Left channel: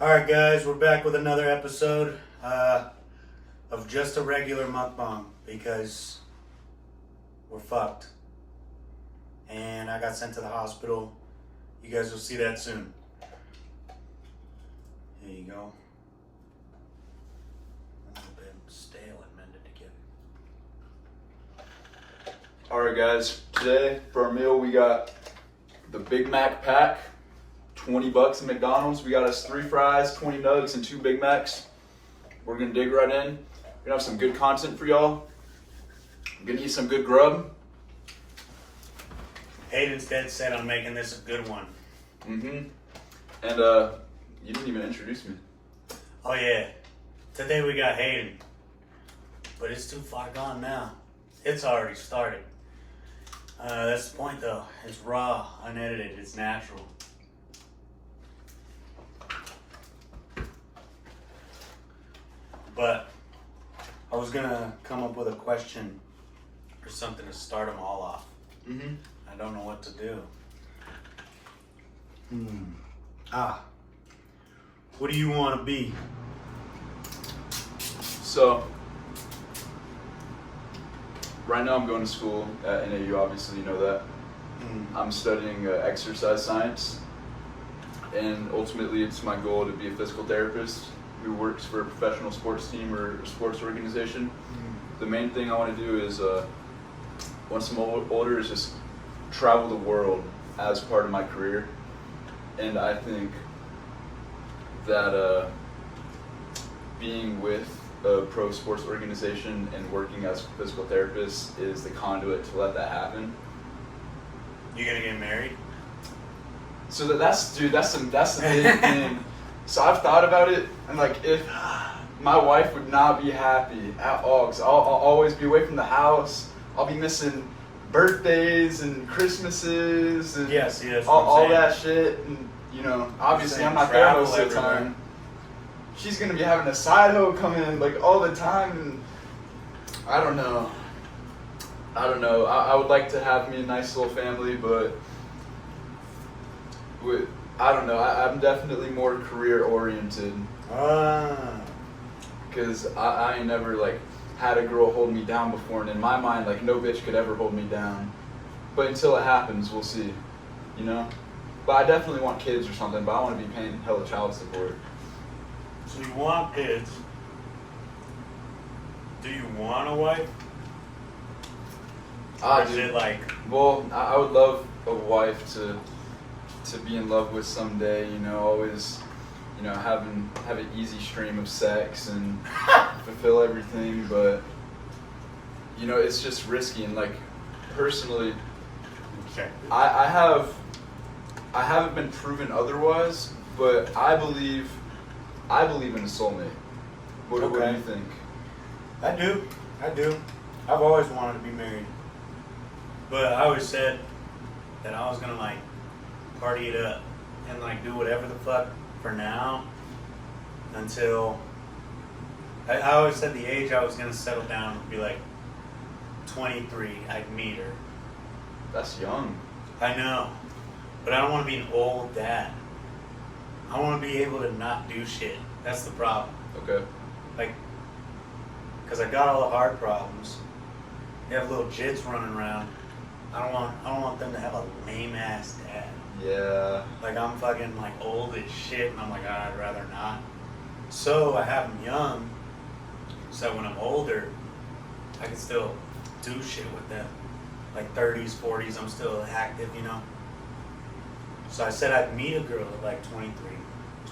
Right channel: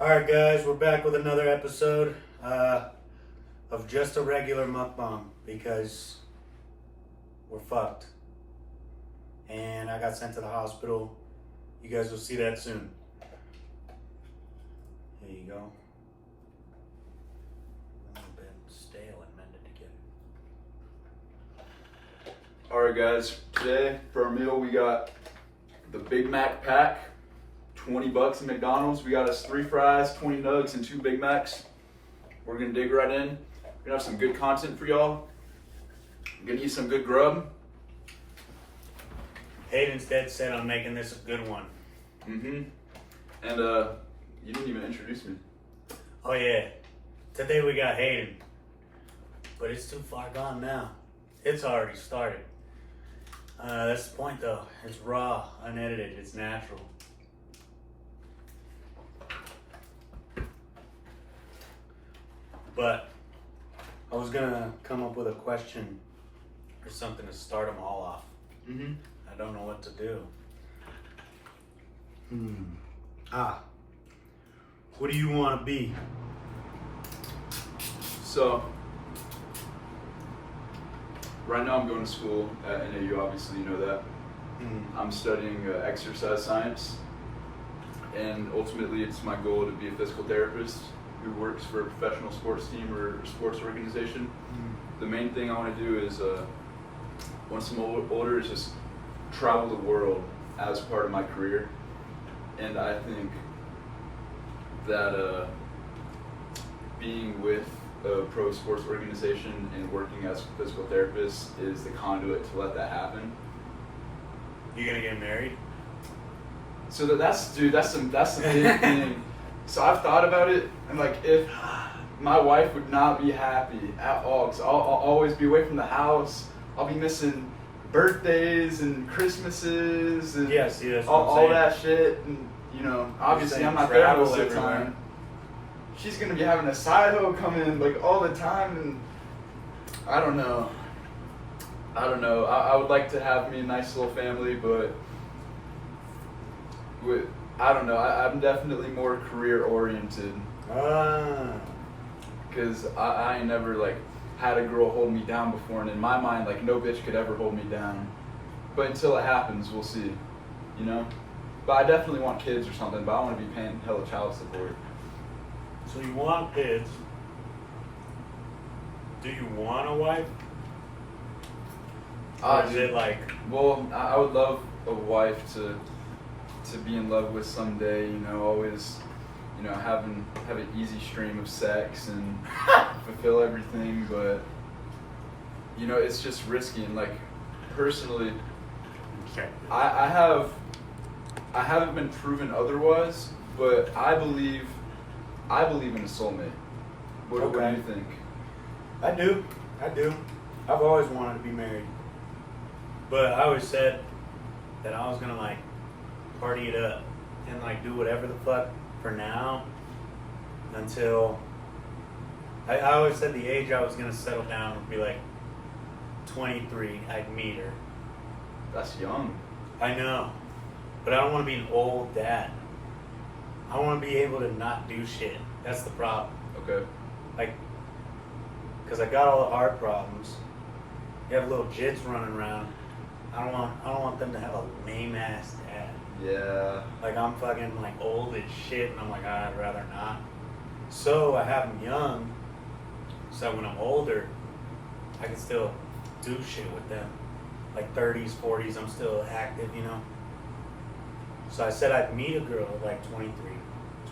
Alright guys, we're back with another episode of just a regular mukbang because we're fucked. And I got sent to the hospital. You guys will see that soon. There you go. A little bit stale and mended together. Alright guys, today for our meal we got the Big Mac pack, $20 at McDonald's. We got us 3 fries, 20 nuggets, and 2 Big Macs. We're gonna dig right in. We're gonna have some good content for y'all. We're gonna eat some good grub. Hayden's dead set on making this a good one. And you didn't even introduce me. Oh yeah, today we got Hayden. But it's too far gone now. It's already started. That's the point though. It's raw, unedited, it's natural. But I was gonna come up with a question or something to start them all off. I don't know what to do. What do you want to be? So, right now I'm going to school at NAU, obviously you know that. I'm studying exercise science, and ultimately it's my goal to be a physical therapist who works for a professional sports team or sports organization. The main thing I want to do is, once I'm older, is just travel the world as part of my career. And I think that being with a pro sports organization and working as a physical therapist is the conduit to let that happen. You gonna get married? So that's the big thing. So I've thought about it, and like if my wife would not be happy at all, because I'll always be away from the house. I'll be missing birthdays and Christmases and all that shit. And you know, obviously I'm not there most of the time. She's gonna be having a side hoe come in like all the time, and I don't know. I would like to have me a nice little family, but I don't know. I'm definitely more career oriented. Because I ain't never like had a girl hold me down before, and in my mind, like no bitch could ever hold me down. But until it happens, we'll see. You know. But I definitely want kids or something. But I want to be paying hella child support. So you want kids? Do you want a wife? Or is it like? Well, I would love a wife to be in love with someday, you know, always, you know, have an easy stream of sex and fulfill everything, but you know, it's just risky. And like personally, I haven't been proven otherwise, but I believe in a soulmate. What do you think? I do. I've always wanted to be married, but I always said that I was gonna like party it up and like do whatever the fuck for now until I always said the age I was gonna settle down would be like 23. I'd meet her. That's young. I know, but I don't want to be an old dad. I want to be able to not do shit. That's the problem. Okay. Like, cause I got all the hard problems. You have little jits running around. I don't want them to have a lame ass dad. Yeah. Like I'm fucking like old as shit, and I'm like, I'd rather not. So I have them young, so that when I'm older, I can still do shit with them. Like 30s, 40s, I'm still active, you know. So I said I'd meet a girl at like 23,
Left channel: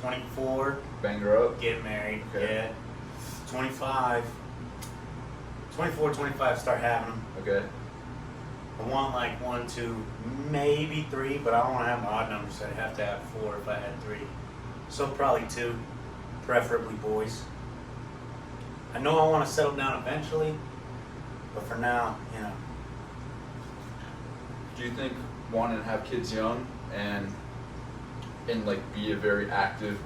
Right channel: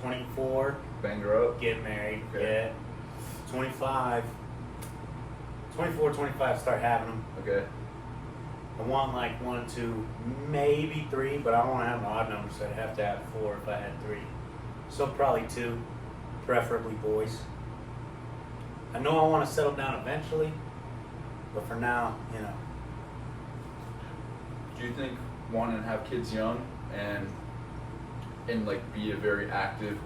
24. Bang her up. Get married. Okay. Yeah. 24, 25, start having them. Okay. I want like 1, 2, maybe 3, but I don't want to have an odd number, so I'd have to have 4 if I had 3. So probably 2, preferably boys. I know I want to settle down eventually, but for now, you know. Do you think wanting to have kids young and like be a very active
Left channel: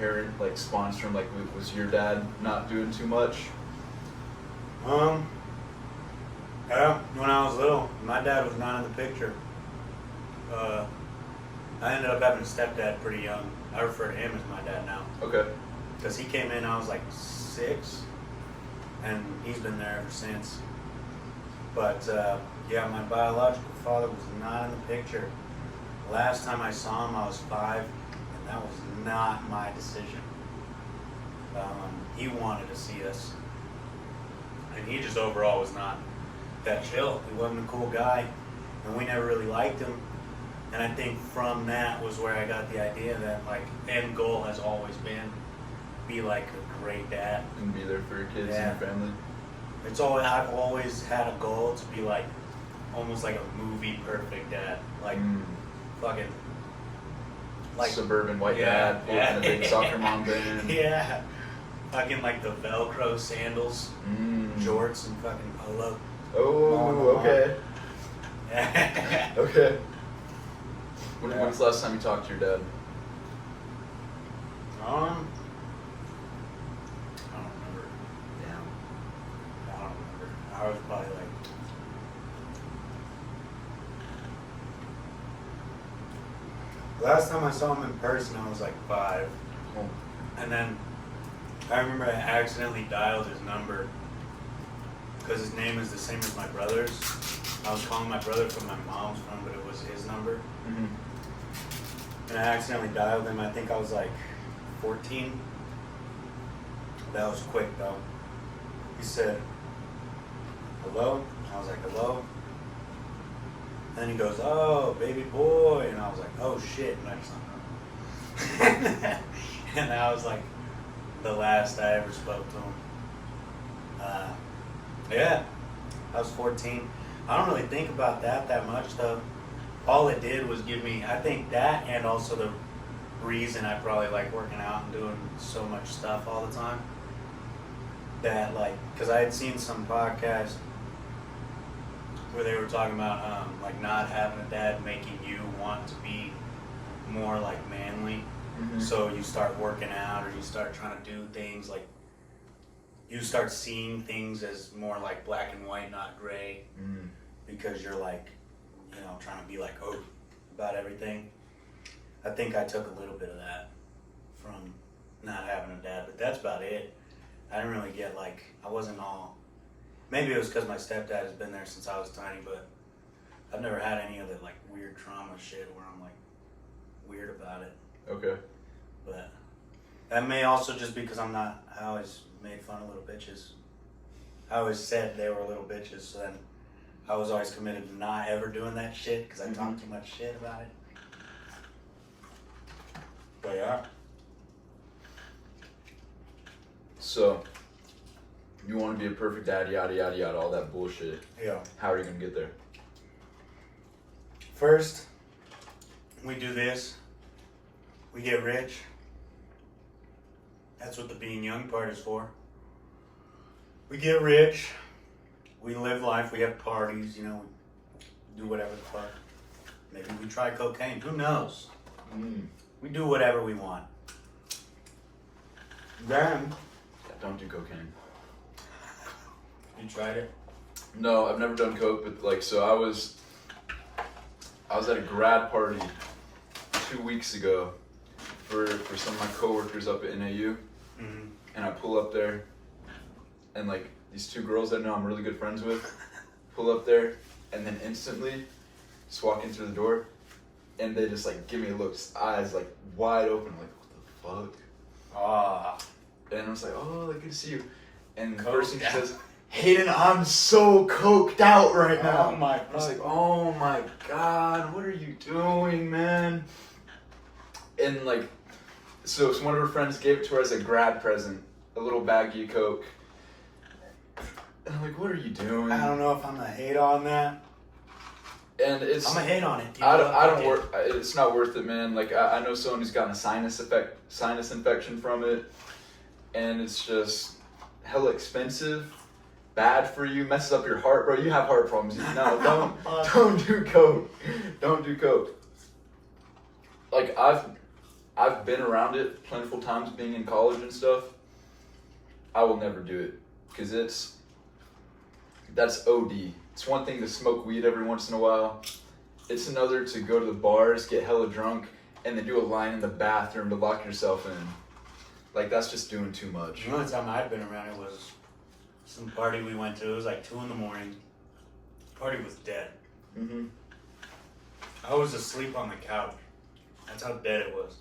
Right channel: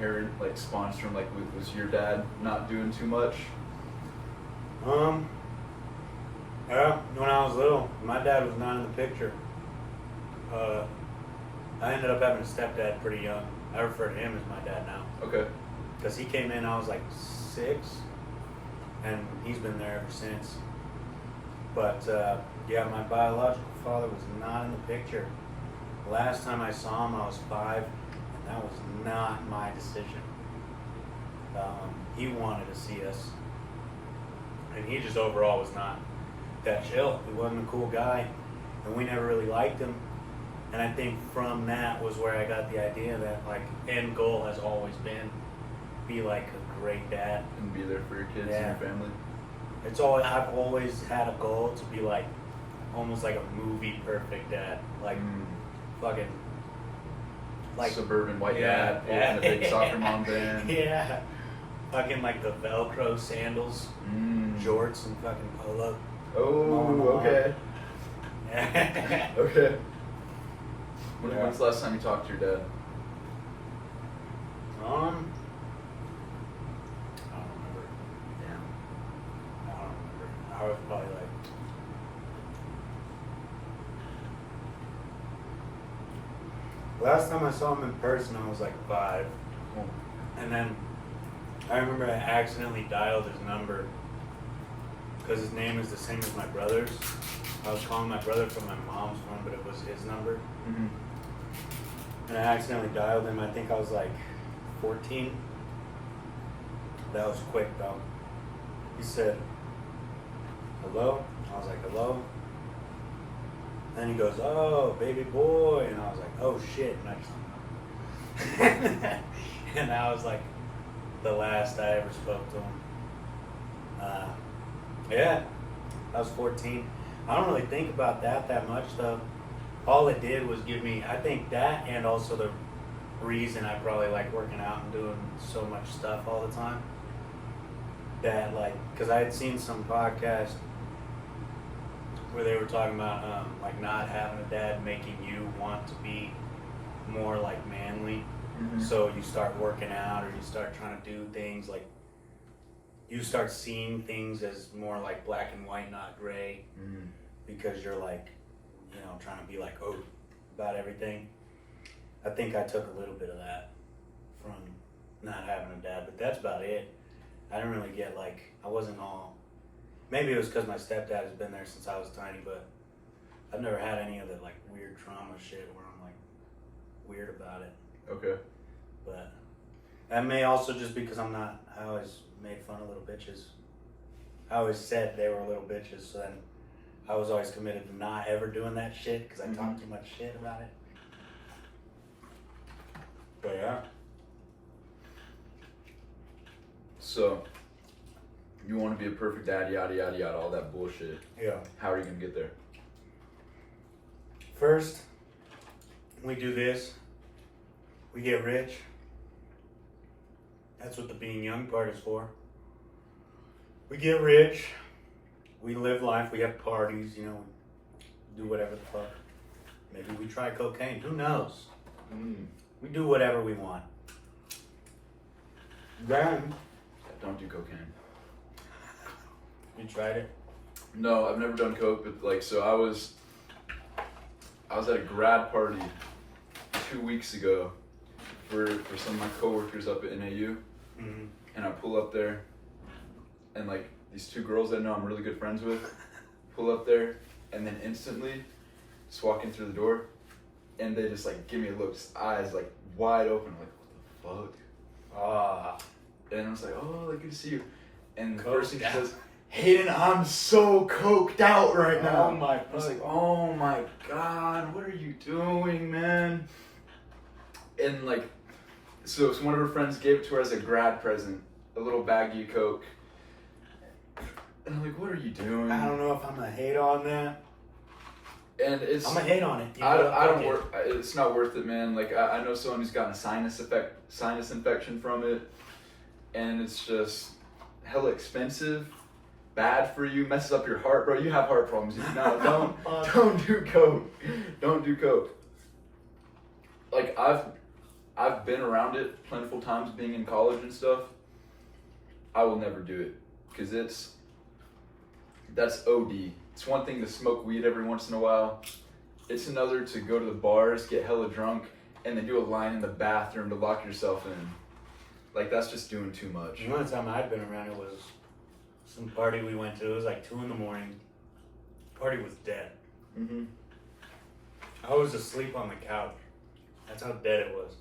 parent, like sponsoring, like was your dad not doing too much? Yeah, when I was little, my dad was not in the picture. I ended up having a stepdad pretty young. I refer to him as my dad now. Okay. Because he came in, I was like 6, and he's been there ever since. But yeah, my biological father was not in the picture. Last time I saw him, I was 5, and that was not my decision. He wanted to see us, and he just overall was not that chill. He wasn't a cool guy, and we never really liked him. And I think from that was where I got the idea that like end goal has always been be like a great dad And be there for your kids and your family. I've always had a goal to be like almost like a movie perfect dad, like fucking like suburban white dad, in a big soccer mom band. Yeah, fucking like the Velcro sandals, jorts, and fucking polo. Oh, okay. Okay. Yeah. When's the last time you talked to your dad? I don't remember. Yeah. I don't remember. I was probably like. Last time I saw him in person, I was like 5. Cool. And then I remember I accidentally dialed his number because his name is the same as my brother's. I was calling my brother from my mom's phone, but it was his number. Mm-hmm. And I accidentally dialed him. I think I was like 14. That was quick though. He said, "Hello?" I was like, "Hello?" And then he goes, "Oh, baby boy." And I was like, "Oh shit." And I just hung up. And that was like the last I ever spoke to him. Yeah, I was 14. I don't really think about that much though. All it did was give me, I think that, and also the reason I probably like working out and doing so much stuff all the time. That like, because I had seen some podcast where they were talking about like not having a dad making you want to be more like manly. Mm-hmm. So you start working out or you start trying to do things like you start seeing things as more like black and white, not gray, because you're like, you know, trying to be like, oh, about everything. I think I took a little bit of that from not having a dad, but that's about it. I didn't really get like, I wasn't all, maybe it was because my stepdad has been there since I was tiny, but I've never had any of the like weird trauma shit where I'm like weird about it. Okay. But that may also just because I always made fun of little bitches. I always said they were little bitches, so then I was always committed to not ever doing that shit because I talked too much shit about it. But yeah. So, you want to be a perfect dad, yada, yada, yada, all that bullshit. Yeah. How are you going to get there? First, we do this. We get rich. That's what the being young part is for. We get rich. We live life. We have parties, you know. We do whatever the fuck. Maybe we try cocaine. Who knows? We do whatever we want. Then, Don't do cocaine. you tried it? No, I've never done coke, but like, so I was at a grad party 2 weeks ago for some of my coworkers up at NAU, and I pull up there, and like these 2 girls I know I'm really good friends with, pull up there, and then instantly just walk in through the door, and they just like give me looks, eyes like wide open, like what the fuck? Ah. And I was like, oh, good to see you. And the Coked person out. says, Hayden, I'm so coked out right now. Oh my I was like, oh my God, what are you doing, man? And like, so one of her friends gave it to her as a grad present, a little baggie of Coke. And I'm like, what are you doing? I don't know if I'm gonna hate on that. And it's, I'm gonna hate on it. I don't work. It's not worth it, man. Like I know someone who's gotten a sinus infection from it, and it's just hella expensive, bad for you, messes up your heart, bro. You have heart problems. No, don't do coke. Don't do coke. Like I've been around it plentiful times, being in college and stuff. I will never do it because that's OD. It's one thing to smoke weed every once in a while. It's another to go to the bars, get hella drunk, and then do a line in the bathroom to lock yourself in. Like, that's just doing too much. The only time I'd been around it was some party we went to. It was like 2 a.m. Party was dead. Mm-hmm. I was asleep on the couch. That's how dead it was.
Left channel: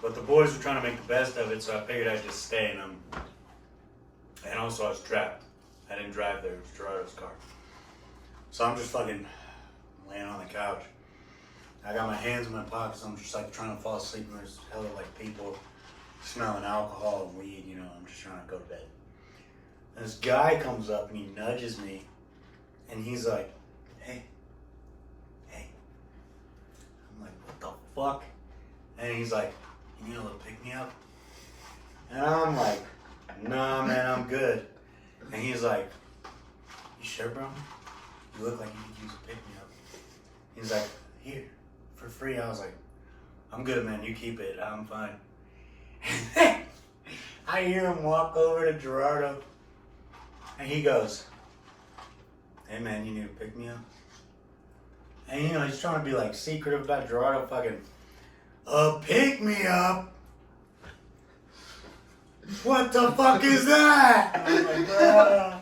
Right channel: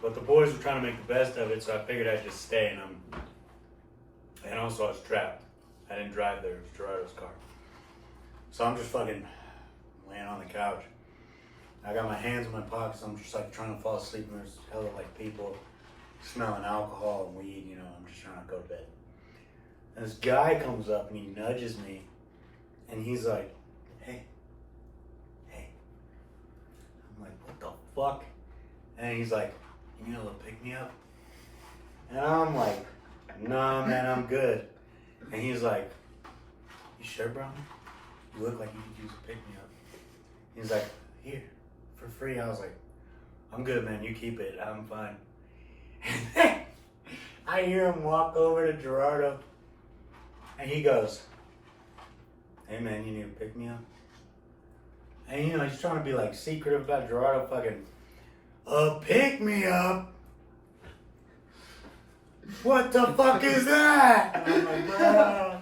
But the boys were trying to make the best of it, so I figured I'd just stay. And also I was trapped. I didn't drive there. It was Gerardo's car. So I'm just fucking laying on the couch. I got my hands in my pockets. I'm just like trying to fall asleep, and there's hella like people smelling alcohol and weed. You know, I'm just trying to go to bed. And this guy comes up and he nudges me, and he's like, "Hey." I'm like, "What the fuck?" And he's like, "You need a little pick me up?" And I'm like, "No, man, I'm good." And he's like, "You sure, bro? You look like you could use a pick me up." He's like, "Here, for free." I was like, "I'm good, man. You keep it. I'm fine." I hear him walk over to Gerardo, and he goes, "Hey, man, you need to pick me up?" And you know, he's trying to be like secretive about Gerardo fucking, pick me up? What the fuck is that? I'm like, bro.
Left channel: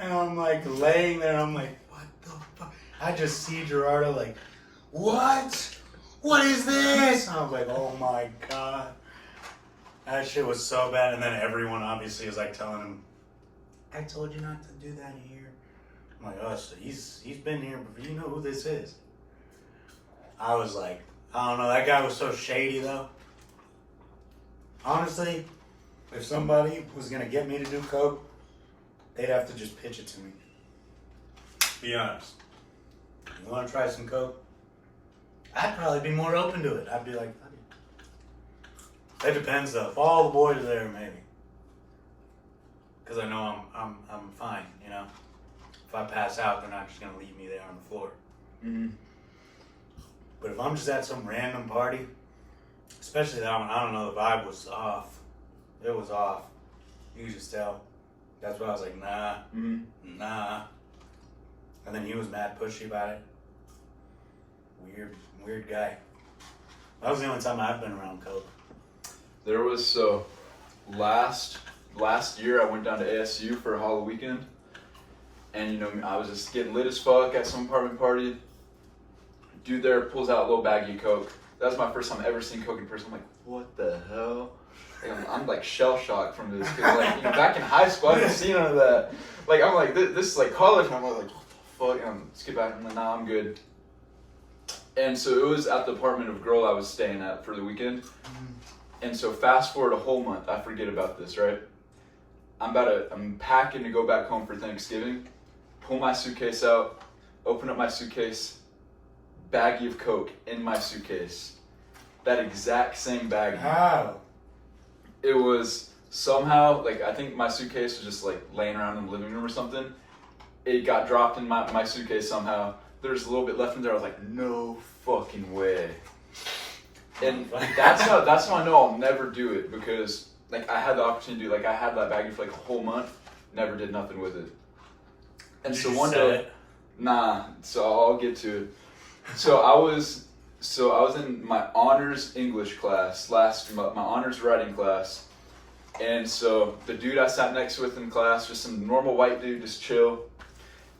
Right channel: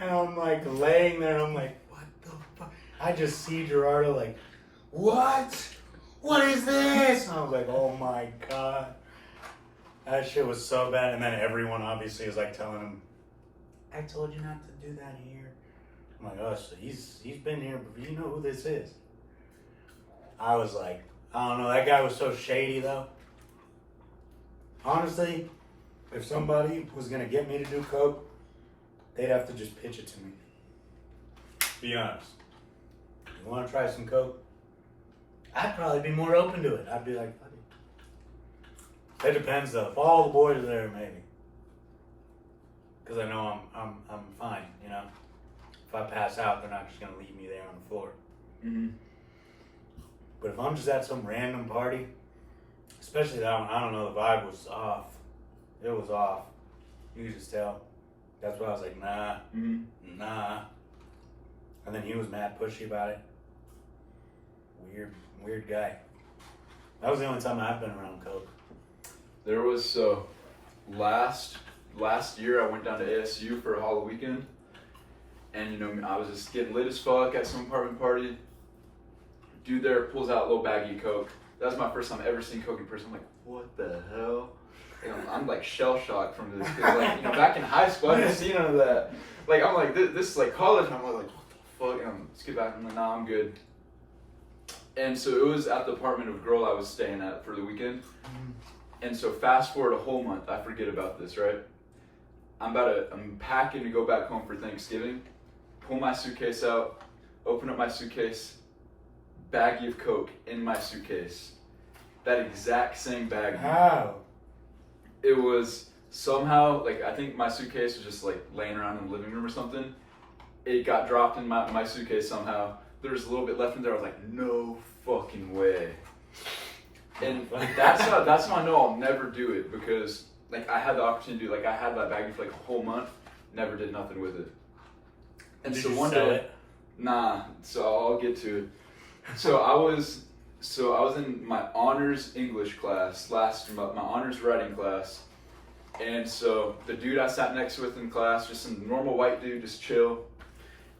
And I'm like laying there, and I'm like, what the fuck? I just see Gerardo like, what? What is this? And I was like, oh my God. That shit was so bad. And then everyone obviously was like telling him, I told you not to do that here. I'm like, oh, so he's been here, but you know who this is. I was like, I don't know, that guy was so shady though. Honestly, if somebody was gonna get me to do coke, they'd have to just pitch it to me. Be honest. You wanna try some coke? I'd probably be more open to it. I'd be like, fuck it. It depends though. If all the boys are there, maybe. Cause I know I'm fine, you know. If I pass out, they're not just gonna leave me there on the floor. Mm-hmm. But if I'm just at some random party, especially that one, I don't know, the vibe was off. It was off. You could just tell. That's why I was like, nah, nah. And then he was mad pushy about it. Weird guy. That was the only time I've been around coke. There was, last year I went down to ASU for a Halloween weekend. And, you know, I was just getting lit as fuck at some apartment party. Dude there pulls out a little baggie of coke. That was my first time ever seeing coke in person. I'm like, what the hell? And I'm like shell shocked from this. Cause like, you know, back in high school, I didn't see none of that. Like, I'm like, this is like college. And I'm like, what the fuck? And I'm skip back. I'm like, nah, I'm good. And so it was at the apartment of a girl I was staying at for the weekend. And so fast forward a whole month. I forget about this, right? I'm packing to go back home for Thanksgiving. Pull my suitcase out. Open up my suitcase. Baggie of coke in my suitcase. That exact same baggie. How? It was somehow, like, I think my suitcase was just like laying around in the living room or something. It got dropped in my suitcase somehow. There's a little bit left in there. I was like, no fucking way. And that's how I know I'll never do it, because like I had the opportunity to, like, I had that baggie for like a whole month, never did nothing with it. And Did so you one sell day, it? nah, so I'll get to it. So I was in my honors English class, my honors writing class. And so the dude I sat next with in class, just some normal white dude, just chill.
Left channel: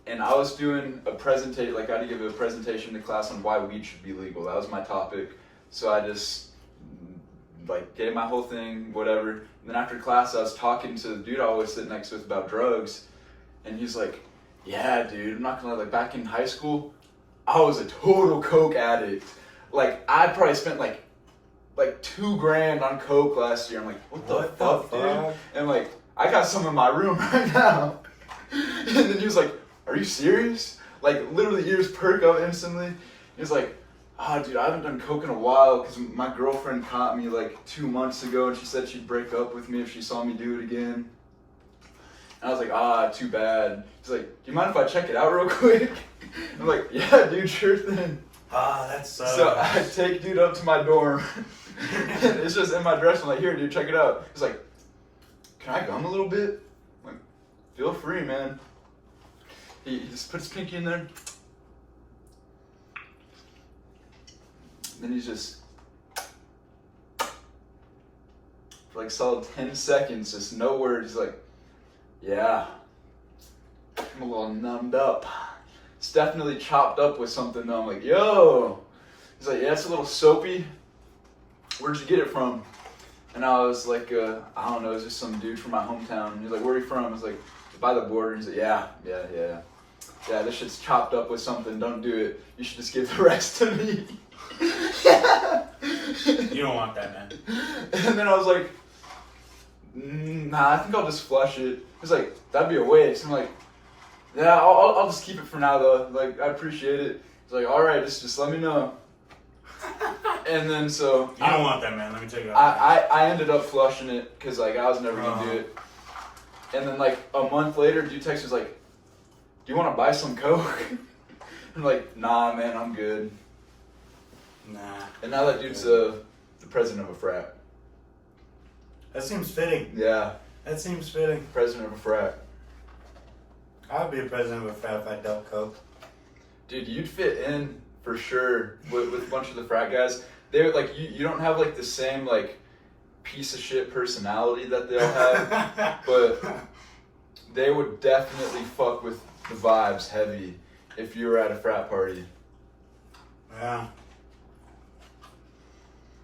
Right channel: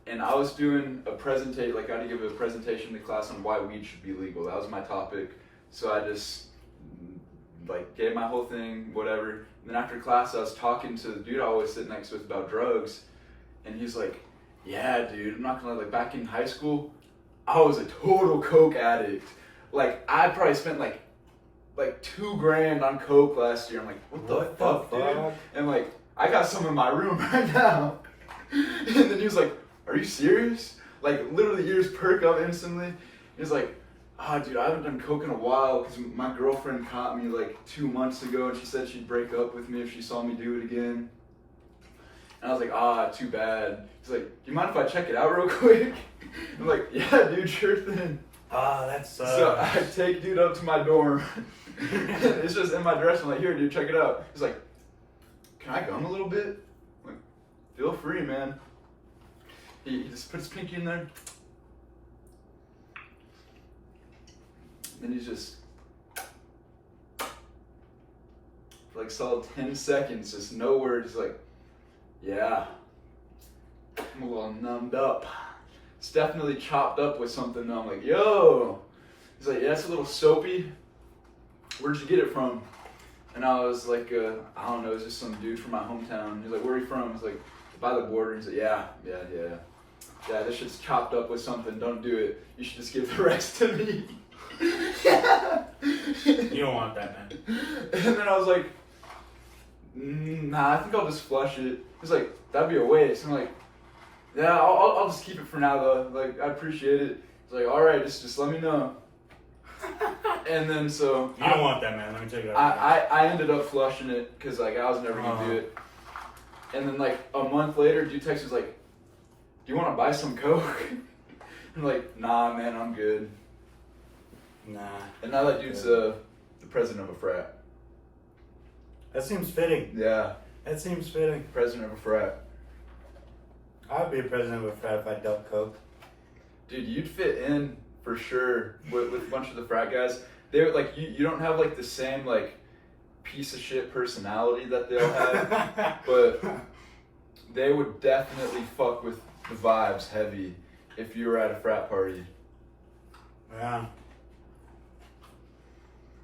And I was doing a presentation, like I had to give a presentation to class on why weed should be legal. That was my topic. So I just like gave my whole thing, whatever. And then after class, I was talking to the dude I always sit next with about drugs. And he's like, yeah, dude, I'm not gonna lie, like back in high school, I was a total coke addict. Like I probably spent like $2,000 on coke last year. I'm like, what the fuck, dude? And like, I got some in my room right now. And then he was like, are you serious? Like literally ears perk up instantly. He's like, dude, I haven't done coke in a while because my girlfriend caught me like 2 months ago, and she said she'd break up with me if she saw me do it again. And I was like, too bad. He's like, do you mind if I check it out real quick? I'm like, yeah, dude, sure thing. That sucks. So I take dude up to my dorm. And it's just in my dress. I'm like, here, dude, check it out. He's like, can I gum a little bit? I'm like, feel free, man. He just puts his pinky in there. then he's just for like solid 10 seconds, just no words, like, yeah, I'm a little numbed up. It's definitely chopped up with something though. I'm like, yo. He's like, yeah, it's a little soapy. Where'd you get it from? And I was like, I don't know, it's just some dude from my hometown. And he's like, where are you from? I was like, by the border. And he's like, yeah, this shit's chopped up with something. Don't do it. You should just give the rest to me. You don't want that, man. And then I was like, nah, I think I'll just flush it. He's like, that'd be a waste. I'm like, yeah, I'll just keep it for now though. Like, I appreciate it. He's like, all right, just let me know. And then so you don't want that, man. Let me tell you. I ended up flushing it because like I was never gonna do it. And then like a month later, dude texts was like, "Do you want to buy some Coke?" I'm like, "Nah, man, I'm good." Nah. And now that dude's the president of a frat. That seems fitting. Yeah. That seems fitting. President of a frat. I'd be a president of a frat if I dealt Coke. Dude, you'd fit in for sure with a bunch of the frat guys. They would like you don't have like the same like piece of shit personality that they'll have, but they would definitely fuck with the vibes heavy if you were at a frat party. Yeah.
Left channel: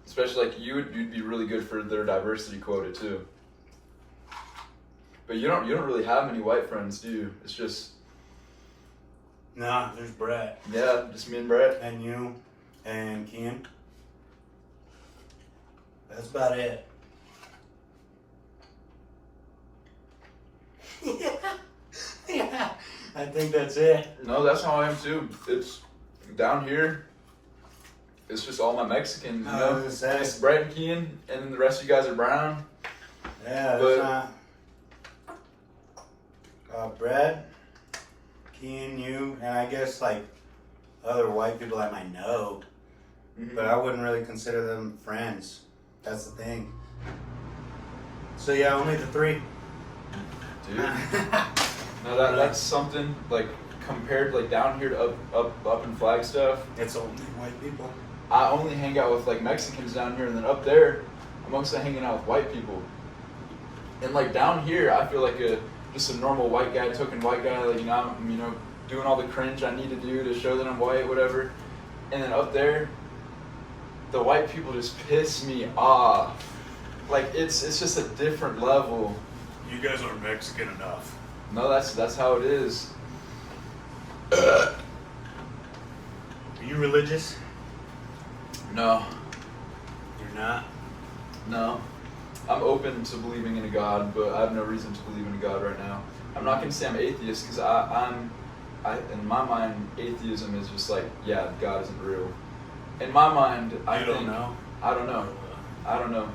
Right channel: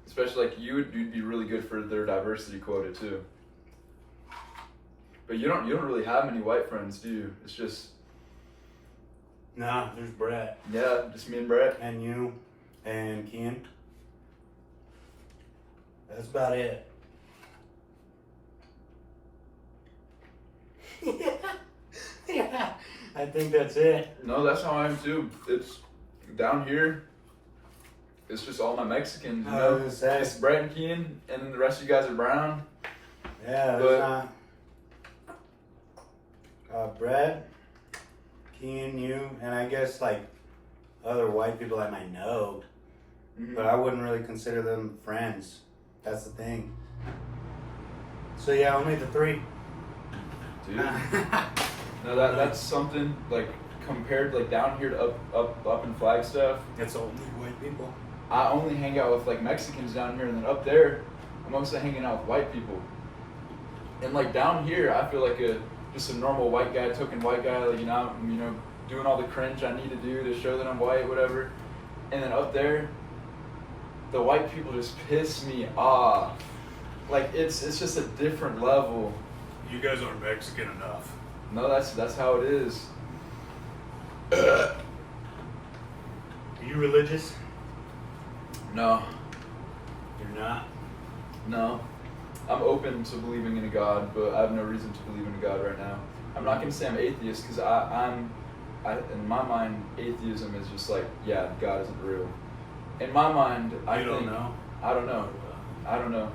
Especially like you'd be really good for their diversity quota too. But you don't really have many white friends, do you? It's just nah, there's Brett. Yeah, just me and Brett. And you and Kean. That's about it. Yeah, I think that's it. No, that's how I am too. It's down here. It's just all my Mexicans, you know. It's Brett and Kean, and then the rest of you guys are brown. Yeah, but Brett, Kean, you, and I guess like other white people I might know, but I wouldn't really consider them friends. That's the thing. So yeah, only the three. Dude. No, that's something like compared like down here to up in Flagstaff. It's only white people. I only hang out with like Mexicans down here, and then up there, I'm mostly hanging out with white people. And like down here, I feel like just a normal white guy, token white guy, like I'm doing all the cringe I need to do to show that I'm white, whatever. And then up there, the white people just piss me off. Like it's just a different level. You guys aren't Mexican enough. No, that's how it is. Are you religious? No. You're not? No. I'm open to believing in a God, but I have no reason to believe in a God right now. I'm not gonna say I'm atheist because I'm in my mind, atheism is just like, yeah, God isn't real. In my mind, I don't know. I don't know.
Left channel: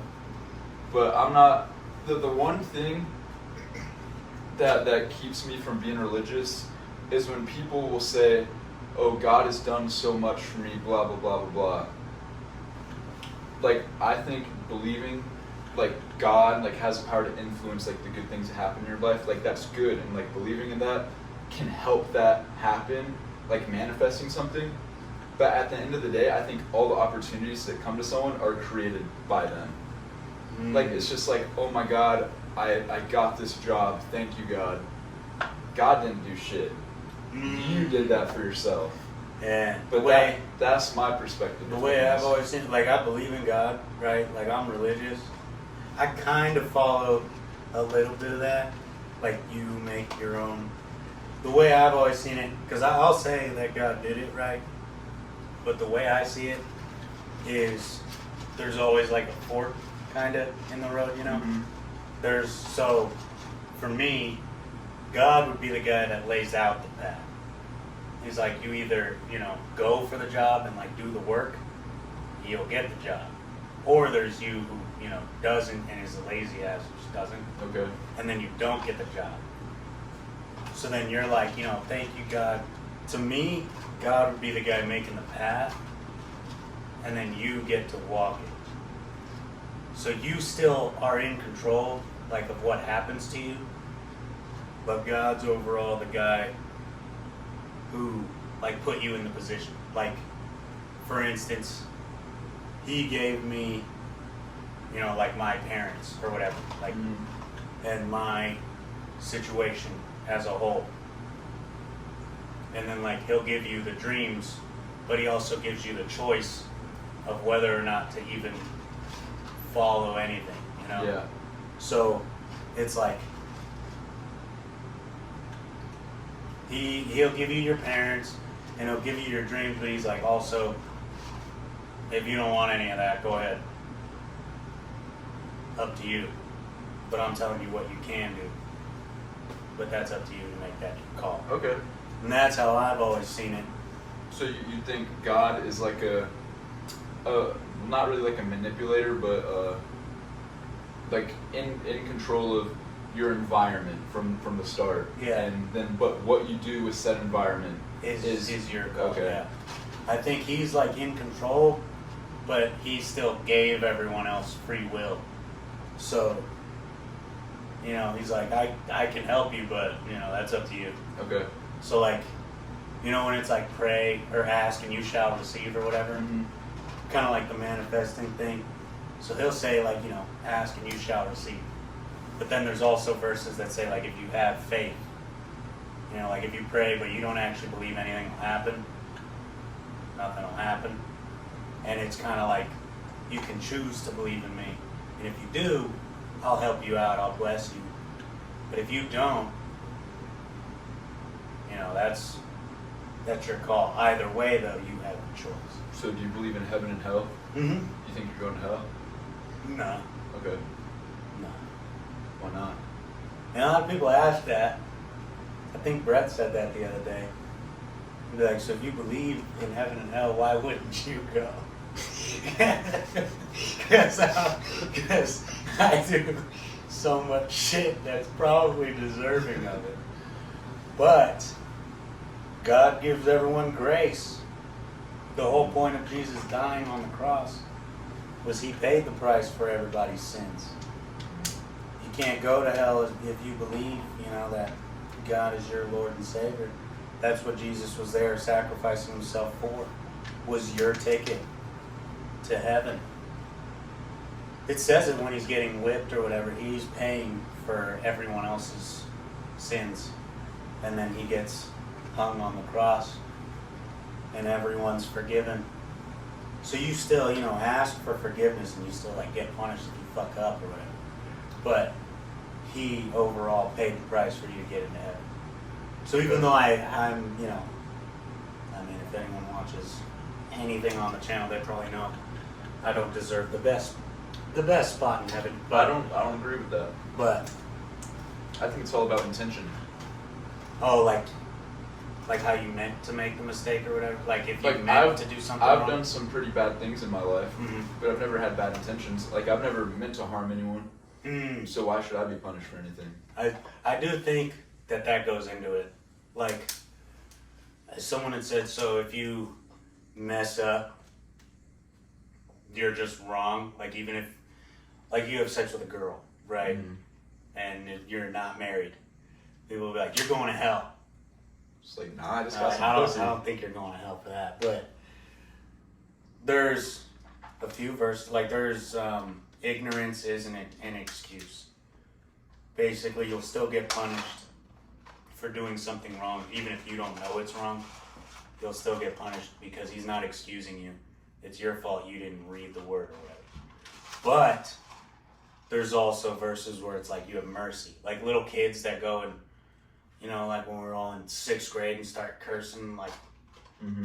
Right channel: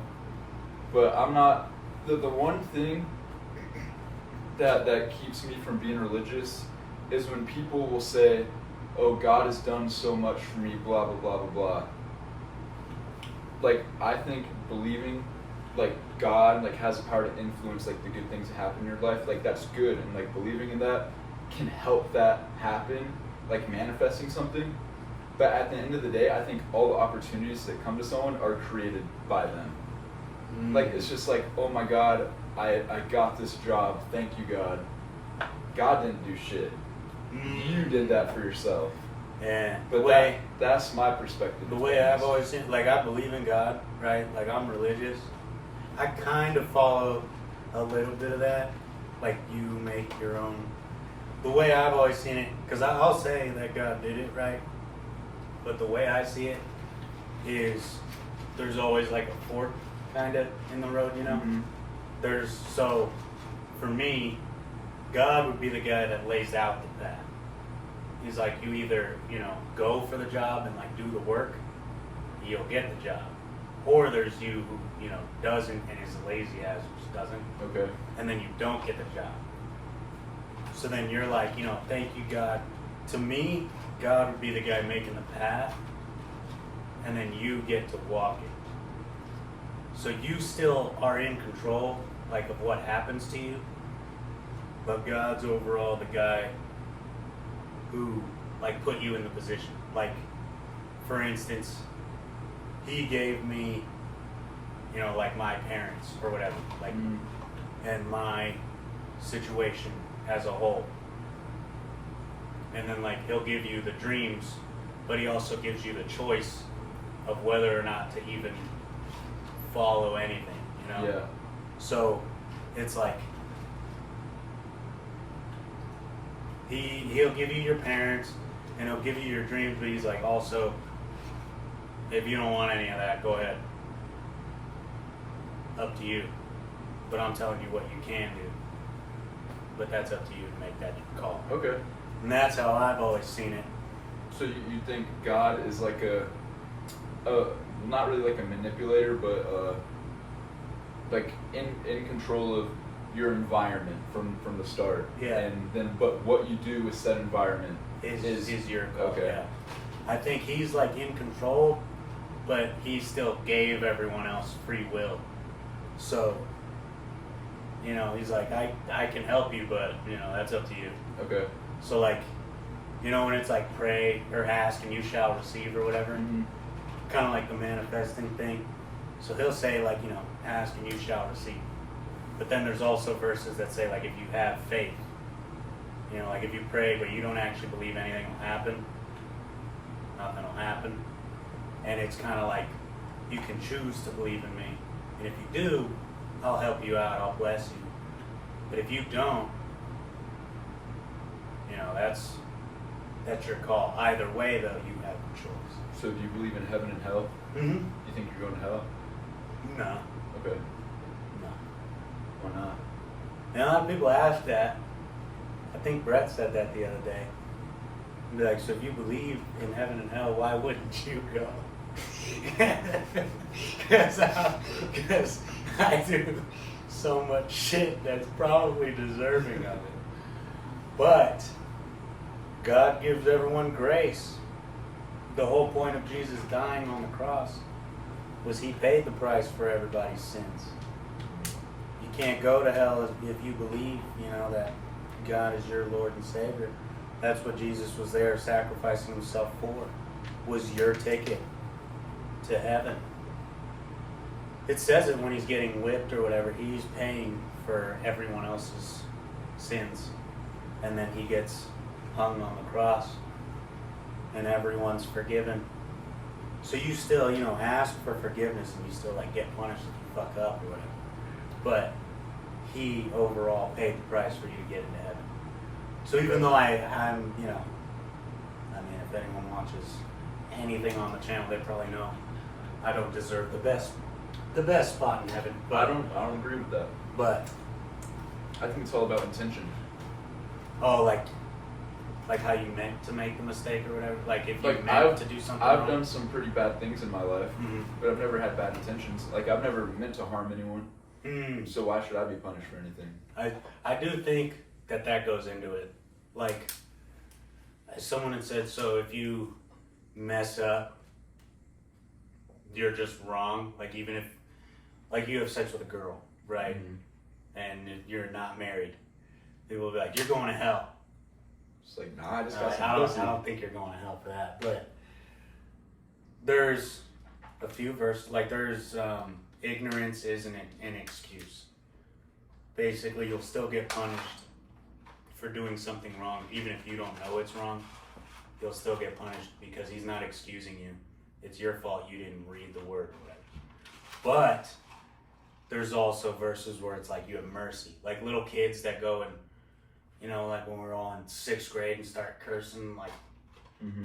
But I'm not. The one thing that keeps me from being religious is when people will say, "Oh, God has done so much for me," blah blah blah blah blah. Like I think believing, like God, like has the power to influence like the good things that happen in your life. Like that's good, and like believing in that can help that happen, like manifesting something. But at the end of the day, I think all the opportunities that come to someone are created by them. Like it's just like, oh my God, I got this job. Thank you, God. God didn't do shit. You did that for yourself. Yeah. But that's my perspective. The way I've always seen, like I believe in God, right? Like I'm religious. I kind of follow a little bit of that. Like you make your own. The way I've always seen it, because I'll say that God did it, right? But the way I see it is there's always like a fork kind of in the road, you know? So for me, God would be the guy that lays out the path. He's like, you either, go for the job and like do the work, you'll get the job. Or there's you who, doesn't and is a lazy ass who just doesn't. Okay. And then you don't get the job. So then you're like, thank you, God. To me, God would be the guy making the path, and then you get to walk it. So you still are in control, like, of what happens to you, but God's overall the guy who, like, put you in the position. Like, for instance, he gave me, you know, like my parents or whatever, like, and my situation as a whole. And then like he'll give you the dreams, but he also gives you the choice of whether or not to even follow anything, you know? Yeah. So it's like he'll give you your parents and he'll give you your dreams, but he's like also, if you don't want any of that, go ahead. Up to you. But I'm telling you what you can do. But that's up to you to make that call. Okay. And that's how I've always seen it. So you think God is like a not really like a manipulator, but like in control of your environment from the start. Yeah. And then, but what you do with said environment is your goal. Okay. Yeah. I think he's like in control, but he still gave everyone else free will. So, you know, he's like, I can help you, but you know, that's up to you. Okay. So like, you know, when it's like pray or ask and you shall receive or whatever, kind of like the manifesting thing. So he'll say like, you know, ask and you shall receive. But then there's also verses that say like, if you have faith, you know, like if you pray but you don't actually believe anything will happen, nothing will happen. And it's kind of like, you can choose to believe in me. And if you do, I'll help you out, I'll bless you. But if you don't, you know, that's your call. Either way, though, you have a choice. So do you believe in heaven and hell? Mm-hmm. You think you're going to hell? No. Okay. No. Why not? And a lot of people ask that. I think Brett said that the other day. He'd be like, so if you believe in heaven and hell, why wouldn't you go? Because I do so much shit that's probably deserving of it. But God gives everyone grace. The whole point of Jesus dying on the cross was he paid the price for everybody's sins. You can't go to hell if you believe, you know, that God is your Lord and Savior. That's what Jesus was there sacrificing himself for, was your ticket to heaven. It says it when he's getting whipped or whatever, he's paying for everyone else's sins. And then he gets hung on the cross and everyone's forgiven. So you still, you know, ask for forgiveness and you still like get punished if you fuck up or whatever. But he overall paid the price for you to get into heaven. So even though I'm, you know, I mean, if anyone watches anything on the channel, they probably know I don't deserve the best spot in heaven. But I don't agree with that. But I think it's all about intention. oh, like how you meant to make the mistake or whatever. Like if you Like, meant to do something I've wrong. done some pretty bad things in my life, but I've never had bad intentions. Like I've never meant to harm anyone. So why should I be punished for anything? I do think that goes into it. Like someone had said, so if you mess up, you're just wrong. Like even if, like you have sex with a girl, right? And if you're not married, people will be like, you're going to hell. It's like, nah, I just got some I pussy. don't think you're going to hell for that. But there's a few verses, like there's ignorance isn't an excuse. Basically, you'll still get punished for doing something wrong, even if you don't know it's wrong. You'll still get punished because he's not excusing you. It's your fault you didn't read the word or whatever. But there's also verses where it's like you have mercy. Like little kids that go and, you know, like when we're all in 6th grade and start cursing, like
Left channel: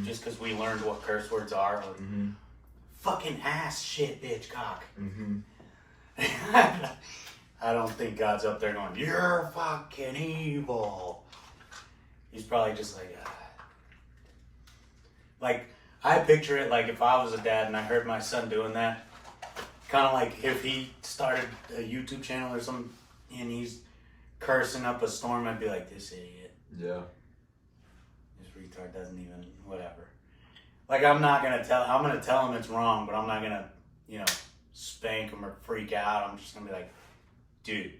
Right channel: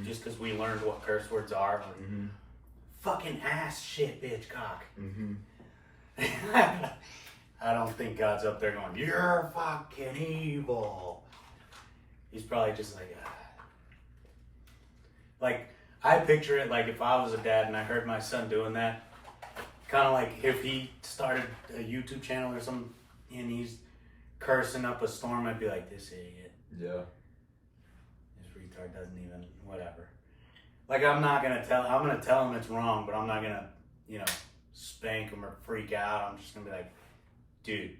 just because we learned what curse words are. Like, fucking ass, shit, bitch, cock. I don't think God's up there going, you're fucking evil. He's probably just like, like, I picture it like if I was a dad and I heard my son doing that, kind of like if he started a YouTube channel or something and he's cursing up a storm, I'd be like, this idiot. Yeah. This retard doesn't even, whatever. Like, I'm gonna tell him it's wrong, but I'm not gonna, you know, spank him or freak out. I'm just gonna be like, dude,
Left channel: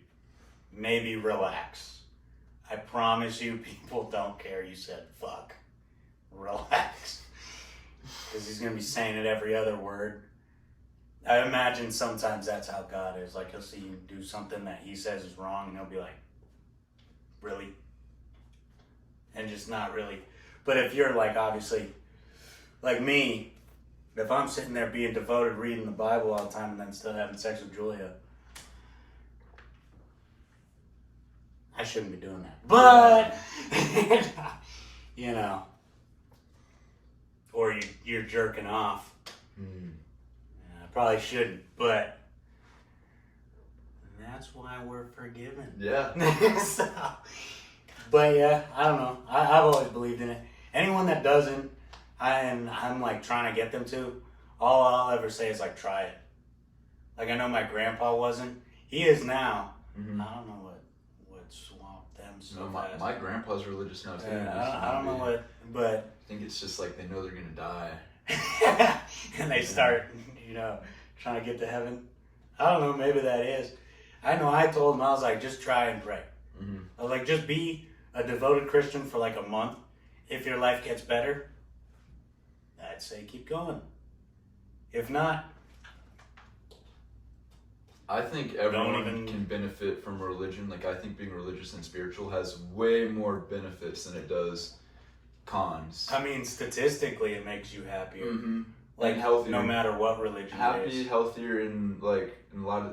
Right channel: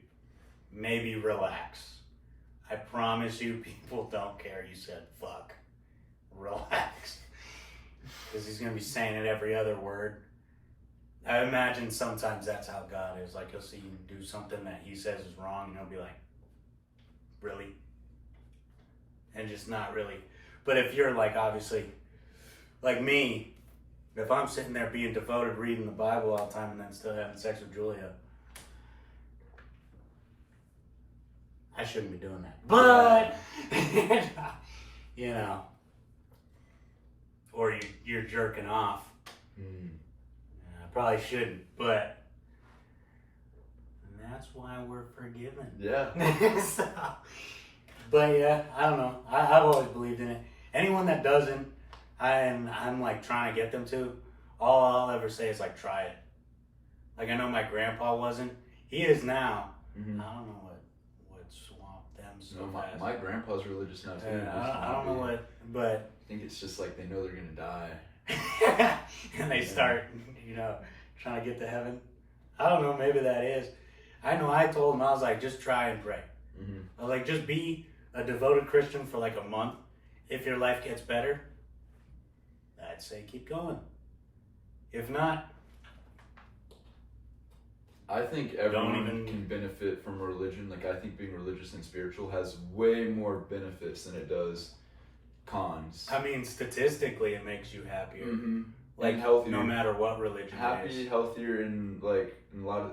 maybe relax. I promise you people don't care you said fuck. Relax. Because he's gonna be saying it every other word. I imagine sometimes that's how God is. Like, he'll see you do something that he says is wrong, and he'll be like, really? And just not really. But if you're like, obviously, like me, if I'm sitting there being devoted, reading the Bible all the time, and then still having sex with Julia, I shouldn't be doing that. But, you know, or you're jerking off. I probably shouldn't, but that's why we're forgiven. Yeah. So, but yeah, I don't know. I've always believed in it. Anyone that doesn't, I'm like trying to get them to. All I'll ever say is like, try it. Like, I know my grandpa wasn't. He is now. Mm-hmm. I don't know what swamped them so No, fast. my grandpa's religious now too. I don't know what, but I think it's just like they know they're gonna die. and they start, you know, trying to get to heaven. I don't know, maybe that is. I know I told him, I was like, just try and pray. Mm-hmm. I was like, just be a devoted Christian for like a month. If your life gets better, I'd say keep going. If not, I think everyone can benefit from religion. Like, I think being religious and spiritual has way more benefits than it does cons. I mean, statistically, it makes you happier. Mm-hmm. Like, and healthier. No matter what religion it is. Healthier, and like a lot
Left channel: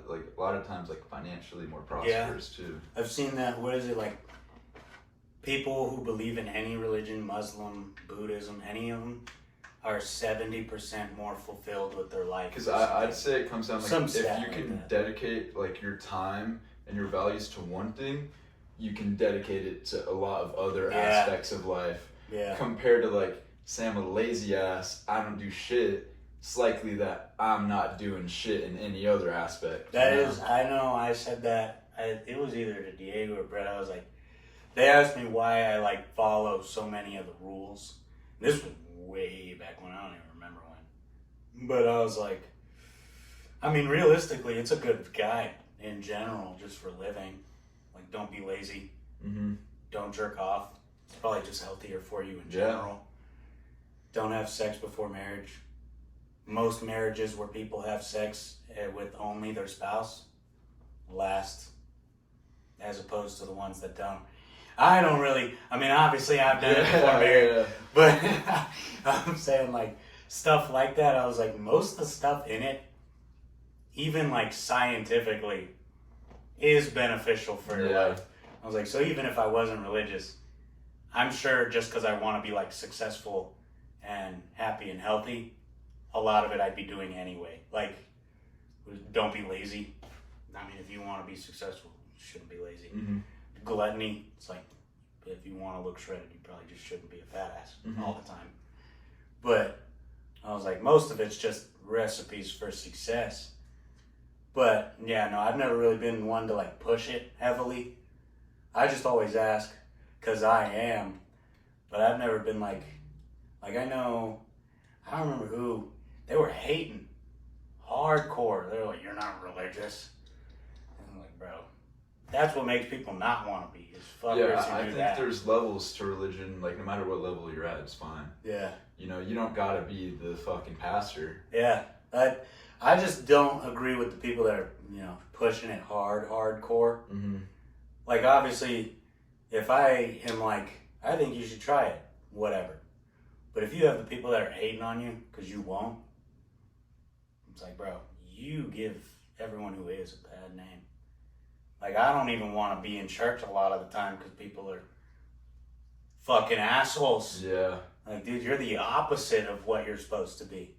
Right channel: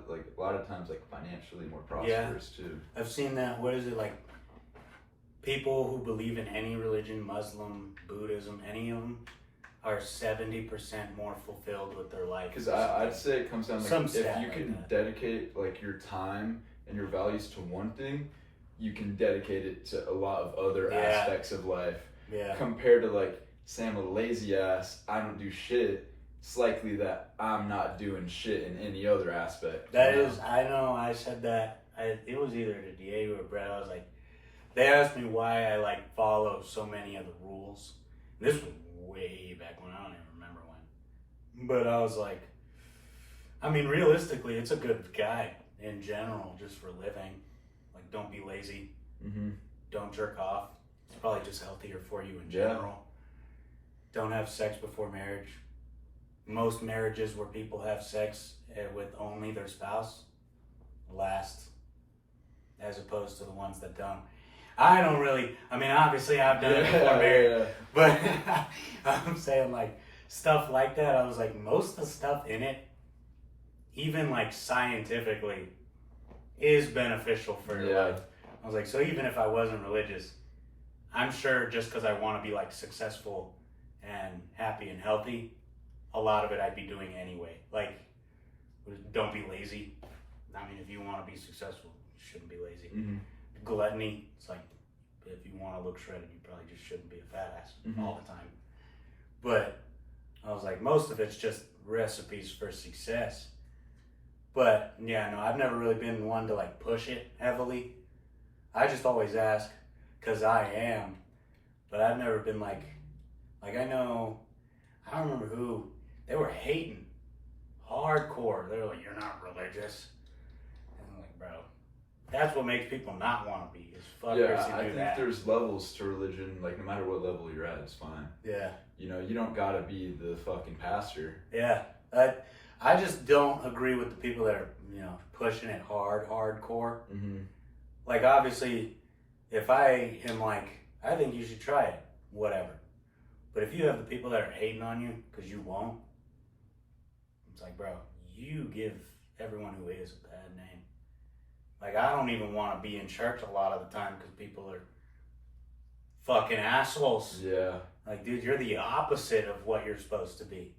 of times like financially more prosperous too. I've seen that. What is it like? People who believe in any religion, Muslim, Buddhism, any of them, are 70% more fulfilled with their life. Because I'd say it comes down like if you can dedicate like your time and your values to one thing, you can dedicate it to a lot of other aspects of life. Yeah. Compared to like, say I'm a lazy ass, I don't do shit. It's likely that I'm not doing shit in any other aspect. That is, I know. I said that. It was either to Diego or Brett. I was like, they asked me why I like follow so many of the rules. This was way back when, I don't even remember when. But I was like, I mean, realistically, it's a good guide in general, just for living. Like, don't be lazy. Mm-hmm. Don't jerk off. It's probably just healthier for you in general. Don't have sex before marriage. Most marriages where people have sex with only their spouse last, as opposed to the ones that don't. I don't really, I mean, obviously I've done it before marriage, but I'm saying like stuff like that, I was like, most of the stuff in it, even like scientifically, is beneficial for your life. I was like, so even if I wasn't religious, I'm sure just because I want to be like successful and happy and healthy, a lot of it I'd be doing anyway. Like, don't be lazy. I mean, if you want to be successful, you shouldn't be lazy. Mm-hmm. Gluttony, it's like, if you want to look shredded, you probably just shouldn't be a fat ass all the time. But I was like, most of it's just recipes for success. But yeah, no, I've never really been one to like push it heavily. I just always ask because I am, but I've never been like I know, I don't remember who, they were hating hardcore. They're like, you're not religious. And I'm like, bro, that's what makes people not want to be, is fuckers who do that. I think there's levels to religion, like no matter what level you're at, it's fine. Yeah. You know, you don't gotta be the fucking pastor. Yeah. I just don't agree with the people that are, you know, pushing it hardcore. Mm-hmm. Like, obviously, if I am like, I think you should try it, whatever. But if you have the people that are hating on you because you won't, it's like, bro, you give everyone who is a bad name. Like, I don't even want to be in church a lot of the time because people are fucking assholes. Yeah. Like, dude, you're the opposite of what you're supposed to be.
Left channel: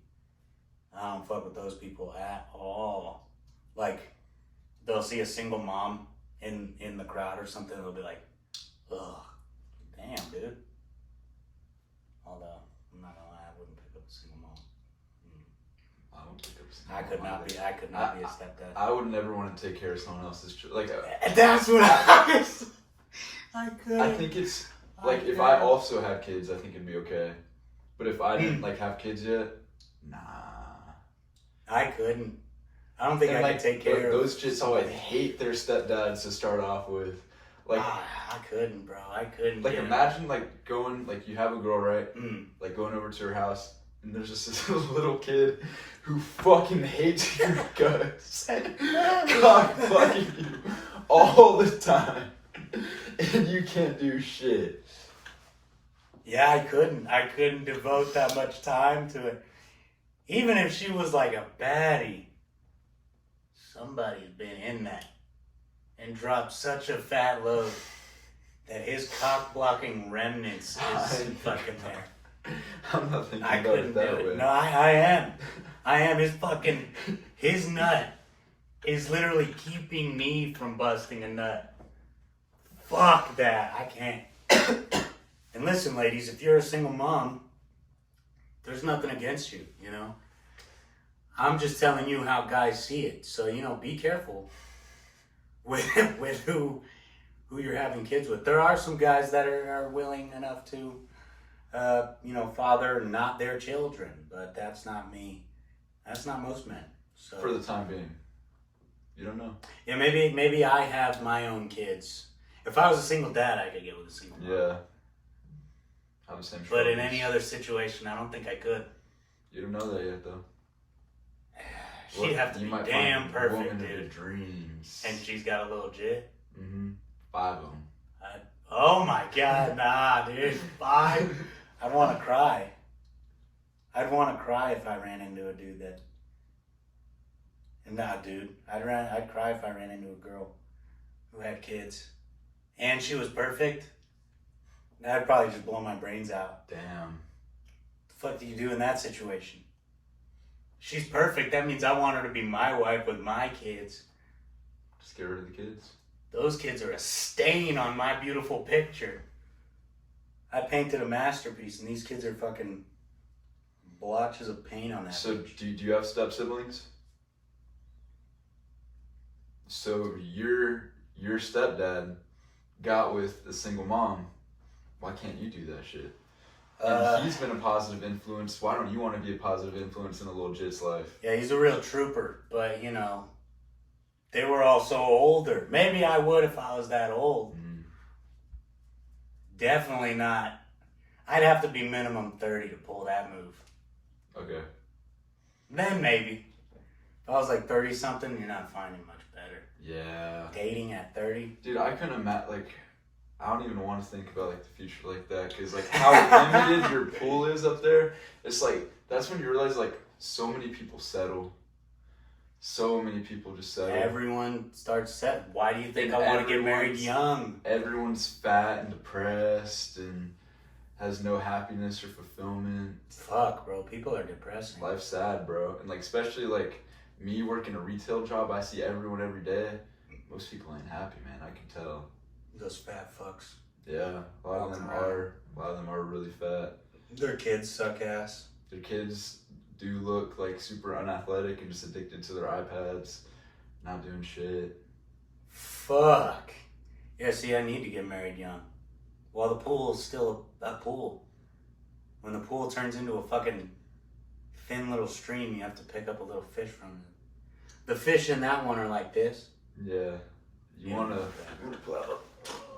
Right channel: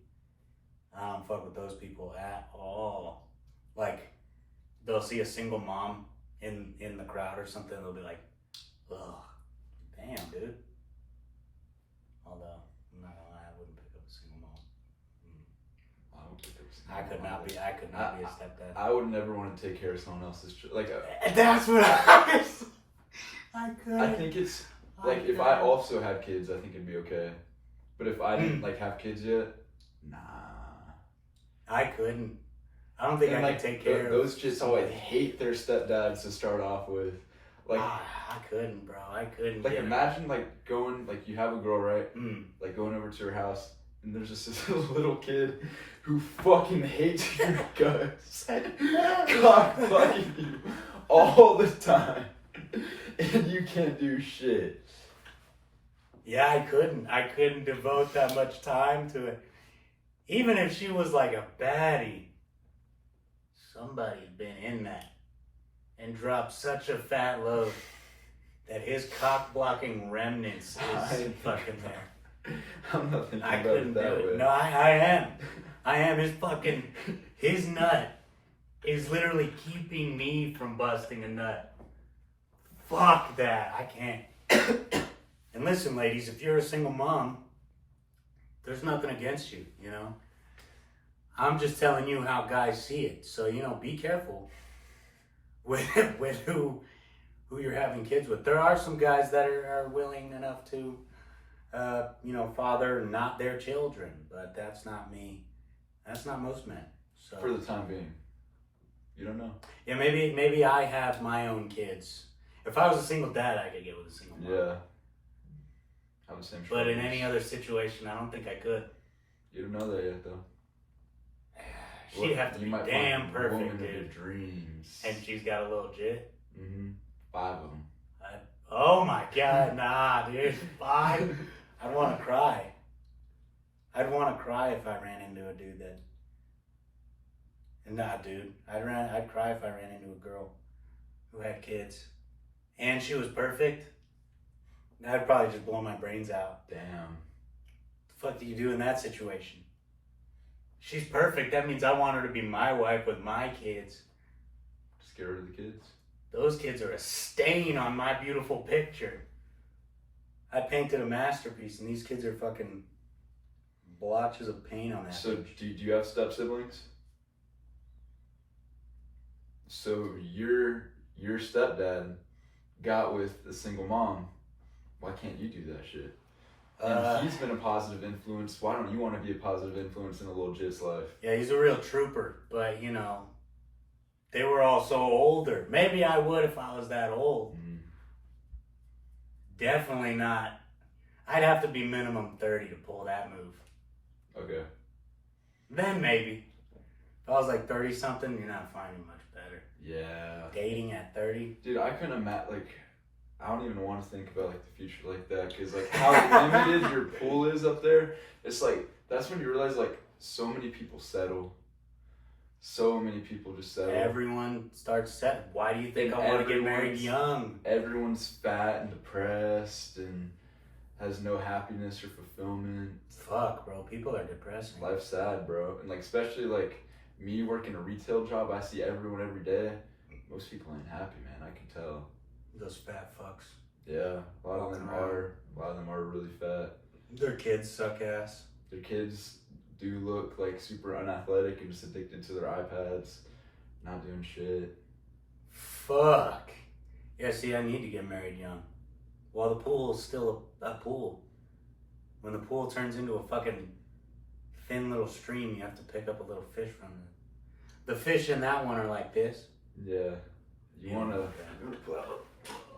I don't fuck with those people at all. Like, they'll see a single mom in the crowd or something, they'll be like, ugh, damn, dude. Although, I'm not gonna lie, I wouldn't pick up a single mom. I would pick up a single I could mom not either. be a stepdad. I would never want to take care of someone else's like. That's what I couldn't. I think it's like if I also had kids, I think it'd be okay. But if I didn't like have kids yet, nah. I couldn't. I don't think I could take care of those chicks. Oh, I hate their stepdads to start off with. Like I couldn't, bro. I couldn't. Like imagine like going like you have a girl, right? Mm. Like going over to her house and there's just this little kid who fucking hates your guts. God fucking you all the time. And you can't do shit. Yeah, I couldn't devote that much time to it. Even if she was like a baddie, somebody's been in that and dropped such a fat load that his cock blocking remnants is fucking there. I'm not thinking I about couldn't it that do way. it. No, I am. I am. His nut is literally keeping me from busting a nut. Fuck that. I can't. And listen, ladies, if you're a single mom, there's nothing against you, you know? I'm just telling you how guys see it. So, you know, be careful with who you're having kids with. There are some guys that are willing enough to, you know, father not their children, but that's not me. That's not most men. So For the time being. You don't know. yeah, maybe I have my own kids. If I was a single dad, I could get with a single mom. Yeah. Have the same But in struggles. any other situation, I don't think I could. You don't know that yet, though. She'd have to You be might damn find the perfect, woman of your dude. dreams. And she's got a little jit. Mm-hmm. 5 of them. Oh my god, nah, dude. 5? I'd want to cry. I'd want to cry if I ran into a dude that. Nah, dude. I'd cry if I ran into a girl who had kids, and she was perfect. That'd probably just blow my brains out. Damn. The fuck do you do in that situation? She's perfect. That means I want her to be my wife with my kids. Just get rid of the kids. Those kids are a stain on my beautiful picture. I painted a masterpiece, and these kids are fucking blotches of paint on that. So, picture. do you have step siblings? So your stepdad got with a single mom. Why can't you do that shit? And he's been a positive influence. Why don't you want to be a positive influence in a little jit's life? Yeah, he's a real trooper, but you know, they were all so older. Maybe I would if I was that old. Mm. Definitely not. I'd have to be minimum 30 to pull that move. Okay. Then maybe. If I was like 30 something, you're not finding much better. Yeah. Dating at 30? Dude, I couldn't imagine, like, I don't even want to think about, like, the future like that, because, like, how limited your pool is up there, it's, like, that's when you realize, like, so many people settle. So many people just settle. Everyone starts set. Why do you think I want to get married young? Everyone's fat and depressed and has no happiness or fulfillment. Fuck, bro. People are depressing. Life's sad, bro. And, like, especially, like, me working a retail job, I see everyone every day. Most people ain't happy, man. I can tell. Those fat fucks. Yeah, a lot of them are really fat. Their kids suck ass. Their kids do look like super unathletic and just addicted to their iPads, not doing shit. Fuck. Yeah, see, I need to get married young. While the pool is still a pool. When the pool turns into a fucking thin little stream, you have to pick up a little fish from it. The fish in that one are like this. Yeah, you wanna.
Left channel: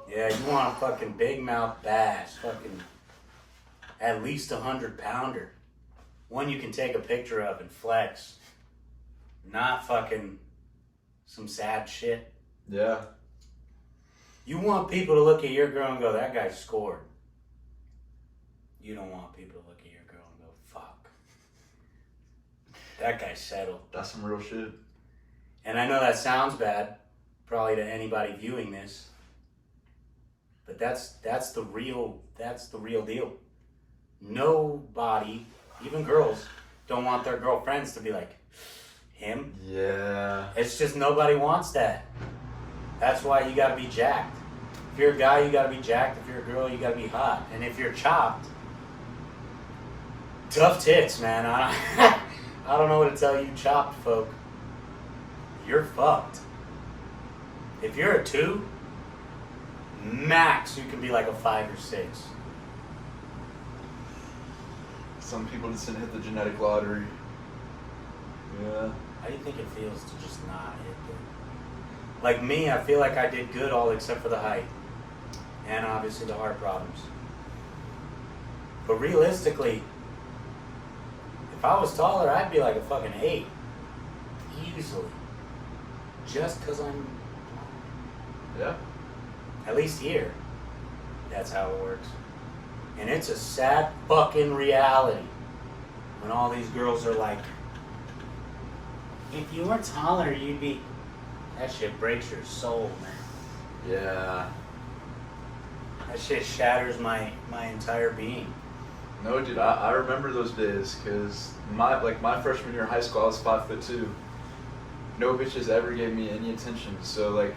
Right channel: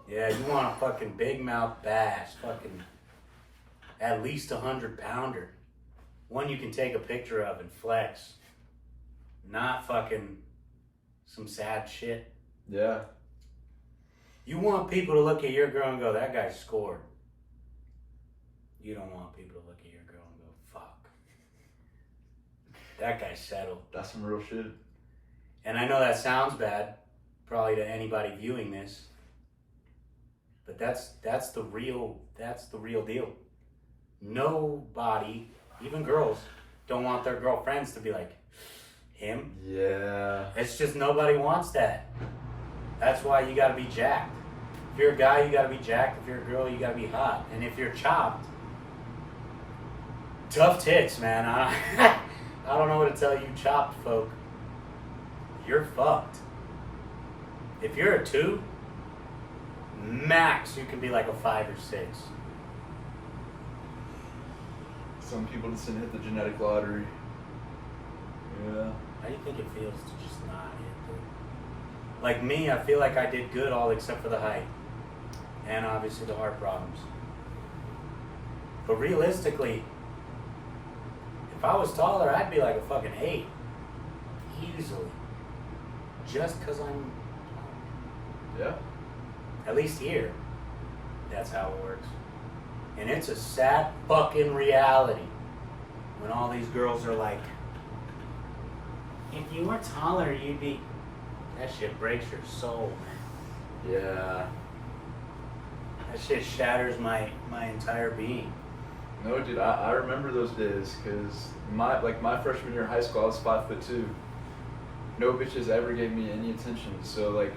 Yeah, you want a fucking big mouth bass, fucking at least 100-pounder. One you can take a picture of and flex. Not fucking some sad shit. Yeah. You want people to look at your girl and go, that guy scored. You don't want people to look at your girl and go, fuck. That guy settled. That's some real shit. And I know that sounds bad, probably to anybody viewing this. But that's the real deal. Nobody, even girls, don't want their girlfriends to be like, him? Yeah. It's just nobody wants that. That's why you gotta be jacked. If you're a guy, you gotta be jacked. If you're a girl, you gotta be hot. And if you're chopped, tough tits, man. I don't know what to tell you chopped folk. You're fucked. If you're a 2, max you can be like a 5 or 6. Some people just didn't hit the genetic lottery. Yeah. How do you think it feels to just not hit the... Like me, I feel like I did good all except for the height. And obviously the heart problems. But realistically, If I was taller, I'd be like a fucking 8. Easily. Just because I'm taller. Yeah. At least here. That's how it works. And it's a sad fucking reality when all these girls are like, if you were taller, you'd be... That shit breaks your soul, man. Yeah. That shit shatters my entire being. No, dude, I remember those days because my freshman year of high school, I was 5'2". No bitches ever gave me any attention. So like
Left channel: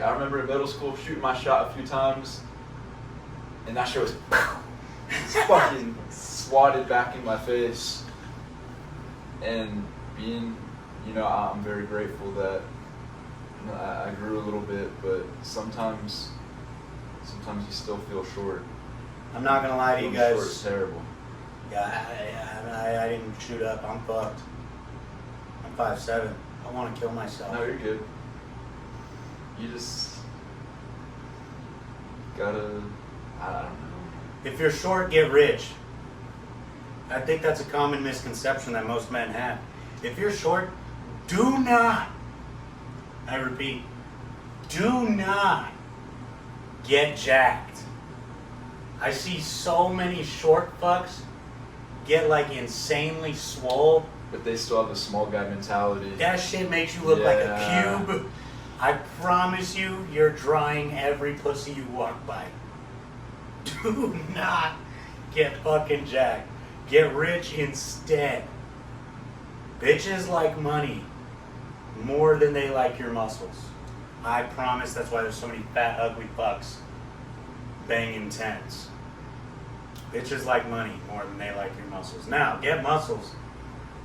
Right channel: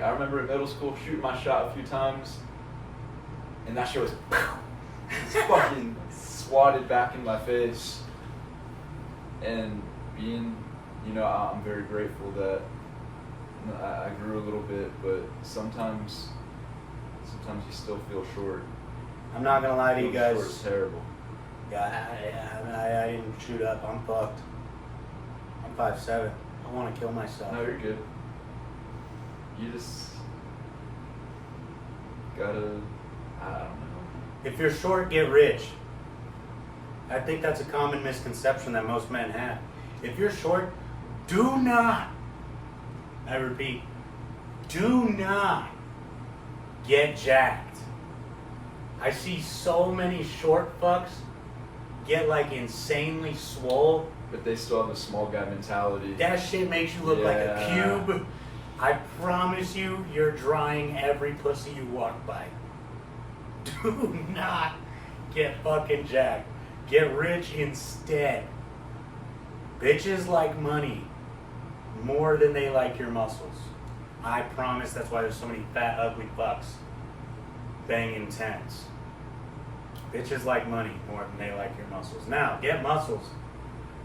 I remember in middle school shooting my shot a few times, and that shit was fucking swatted back in my face. And being, I'm very grateful that I grew a little bit, but sometimes you still feel short. I'm not gonna lie to you guys. Short is terrible. Yeah, I didn't shoot up. I'm fucked. I'm 5'7". I want to kill myself. No, you're good. You just gotta, I don't know. If you're short, get rich. I think that's a common misconception that most men have. If you're short, do not, I repeat, do not get jacked. I see so many short fucks get like insanely swole. But they still have the small guy mentality. That shit makes you look like a cube. I promise you, you're drying every pussy you walk by. Do not get fucking jacked. Get rich instead. Bitches like money more than they like your muscles. I promise that's why there's so many fat, ugly fucks banging tens. Bitches like money more than they like your muscles. Now, get muscles,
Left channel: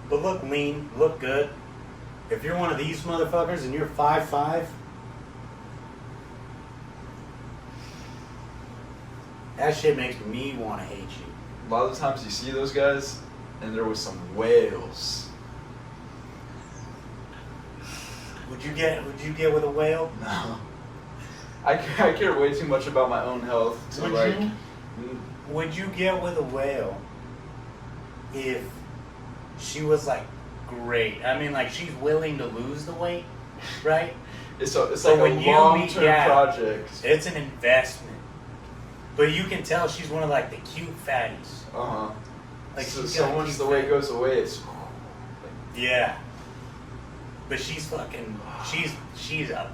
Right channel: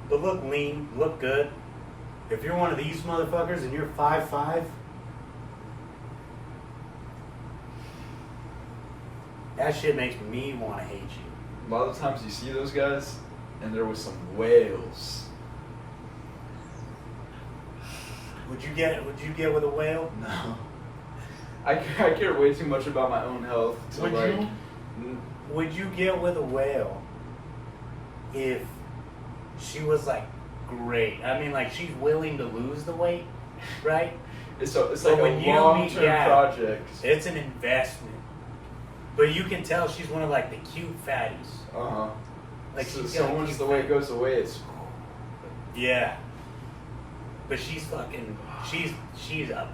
but look lean, look good. If you're one of these motherfuckers and you're 5'5", that shit makes me want to hate you. A lot of the times you see those guys, and they're with some whales. Would you get with a whale? No. I care way too much about my own health to Would you get with a whale if she was like great? I mean, like she's willing to lose the weight, right? It's like a long-term project. It's an investment. But you can tell she's one of like the cute fatties. Uh-huh. Like so once the weight goes away, it's... Yeah. But she's a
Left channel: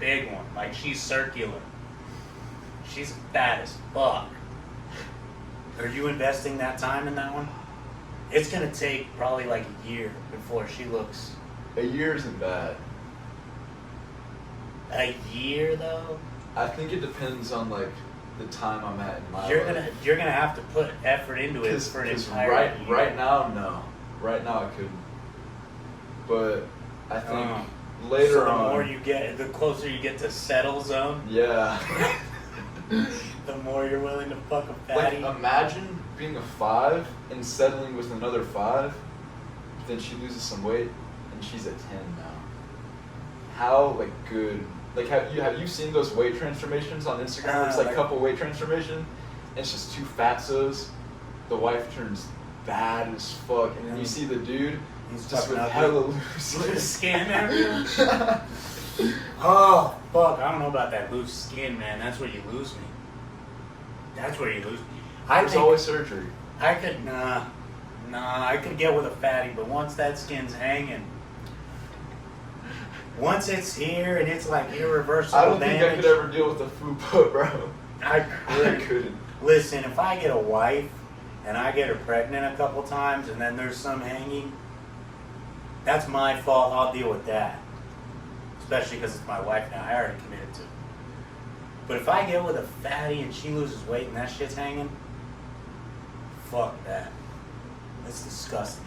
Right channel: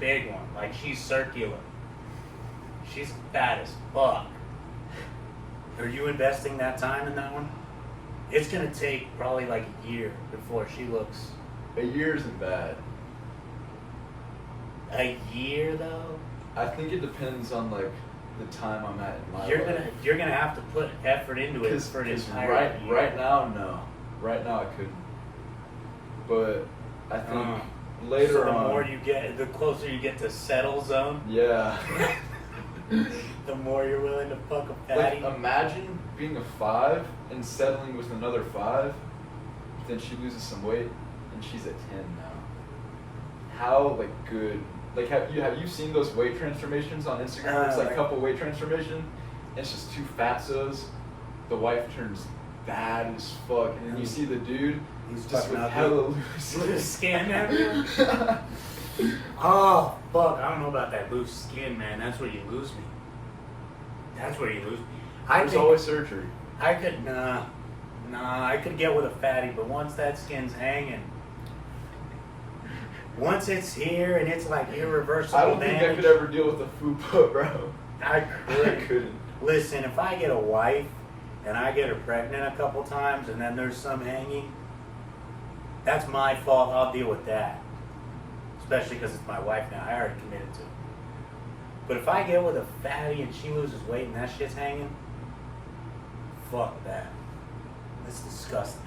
big one. Like she's circular. She's fat as fuck. Are you investing that time in that one? It's gonna take probably like a year before she looks... A year isn't bad. A year though? I think it depends on like the time I'm at in my life. You're gonna have to put effort into it for an entire year. Right now, no. Right now I couldn't. But I think later on... So the closer you get to settle zone, yeah. the more you're willing to fuck a fatty. Like, imagine being a 5 and settling with another 5, then she loses some weight and she's a 10 now. How like good? Like have you seen those weight transformations on Instagram? It's like couple weight transformation, and it's just two fatzos. The wife turns bad as fuck, and then you see the dude. He's just with ugly. hella loose Loose skin everywhere. Oh fuck! I don't know about that loose skin, man. That's where you lose me. That's where you lose me. There's always surgery. I could I could get with a fatty, but once that skin's hanging, once it's here and it's like irreversible I don't damage, think I could ever deal with a fupa, bro. I couldn't. Listen, if I get a wife and I get her pregnant a couple times and then there's some hanging, that's my fault. I'll deal with that. Especially because it's my wife now. I already committed to it. But if I get with a fatty and she loses weight and that shit's hanging, fuck that. That's disgusting.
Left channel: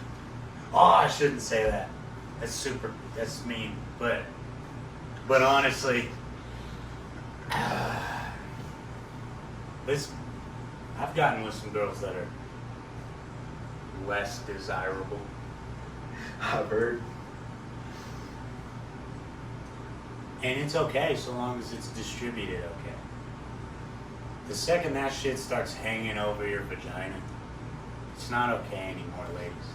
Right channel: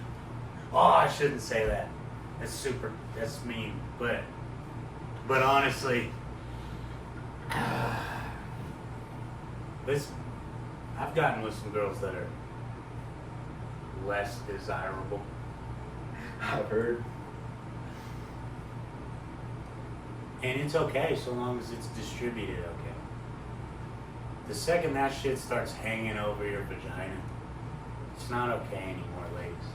Oh, I shouldn't say that. That's mean. But honestly, I've gotten with some girls that are less desirable. I've heard. And it's okay so long as it's distributed okay. The second that shit starts hanging over your vagina, it's not okay anymore, ladies.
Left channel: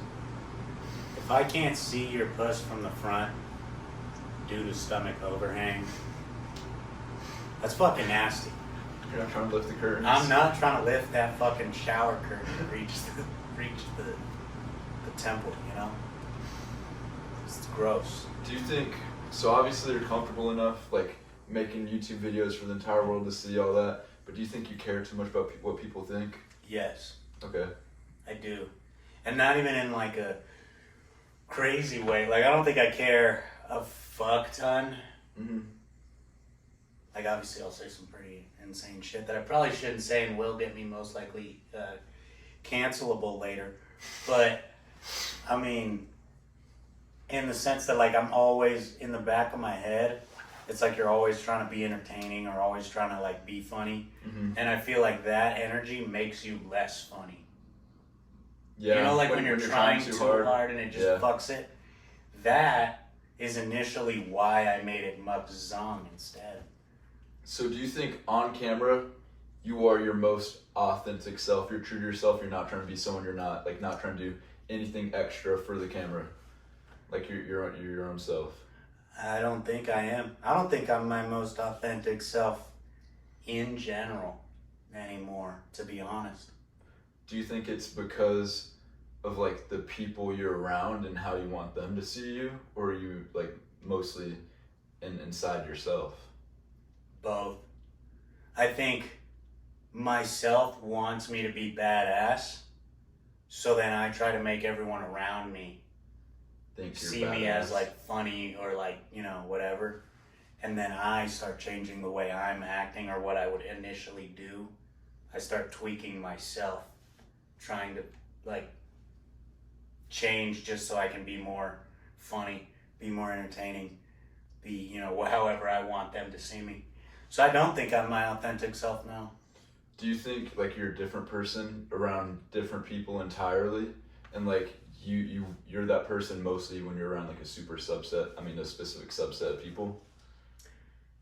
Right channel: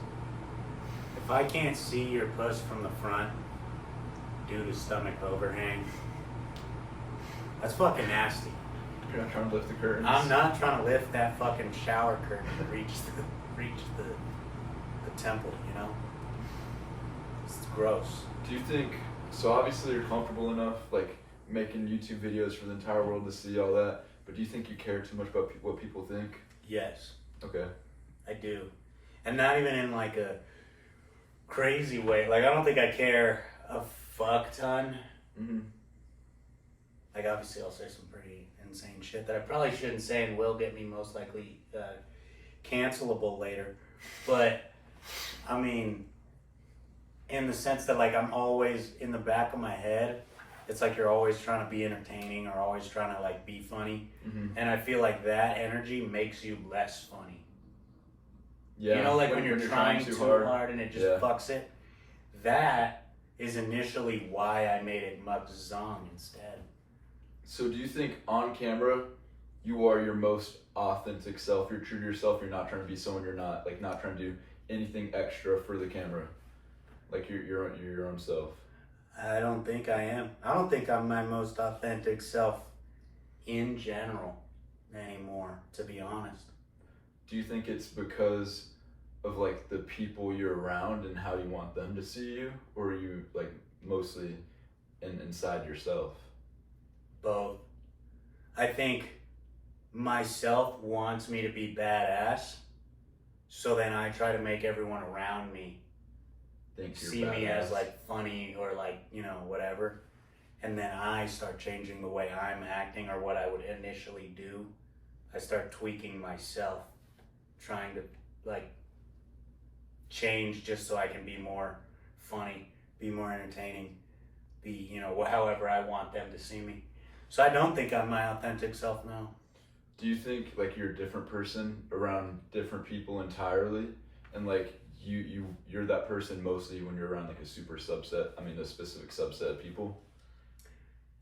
If I can't see your puss from the front due to stomach overhang, that's fucking nasty. You're not trying to lift the curtains. I'm not trying to lift that fucking shower curtain to reach the temple, you know? It's gross. Do you think, so obviously you're comfortable enough, like, making YouTube videos for the entire world to see all that, but do you think you care too much about what people think? Yes. Okay. I do. And not even in like a crazy way. Like, I don't think I care a fuck ton. Mm-hmm. Like, obviously I'll say some pretty insane shit that I probably shouldn't say and will get me most likely cancelable later. But, I mean, in the sense that, like, I'm always in the back of my head, it's like you're always trying to be entertaining or always trying to, like, be funny. Mm-hmm. And I feel like that energy makes you less funny. Yeah. You know, like when you're trying too hard and it just Yeah. fucks it? That is initially why I made it MUKBANG instead. So do you think on camera, you are your most authentic self? You're true to yourself. You're not trying to be someone you're not. Like, not trying to do anything extra for the camera. Like, you're your own self. I don't think I am. I don't think I'm my most authentic self in general anymore, to be honest. Do you think it's because of, like, the people you're around and how you want them to see you? Or are you, like, mostly inside yourself? Both. I think myself wants me to be badass, so then I try to make everyone around me Think you're see me badass. as like funny or like, you know, whatever. And then I start changing the way I'm acting or what I would initially do. I start tweaking myself, trying to like change just so I can be more funny, be more entertaining, be, you know, however I want them to see me. So I don't think I'm my authentic self now. Do you think, like, you're a different person around different people entirely? And, like, you're that person mostly when you're around, like, a specific subset of people?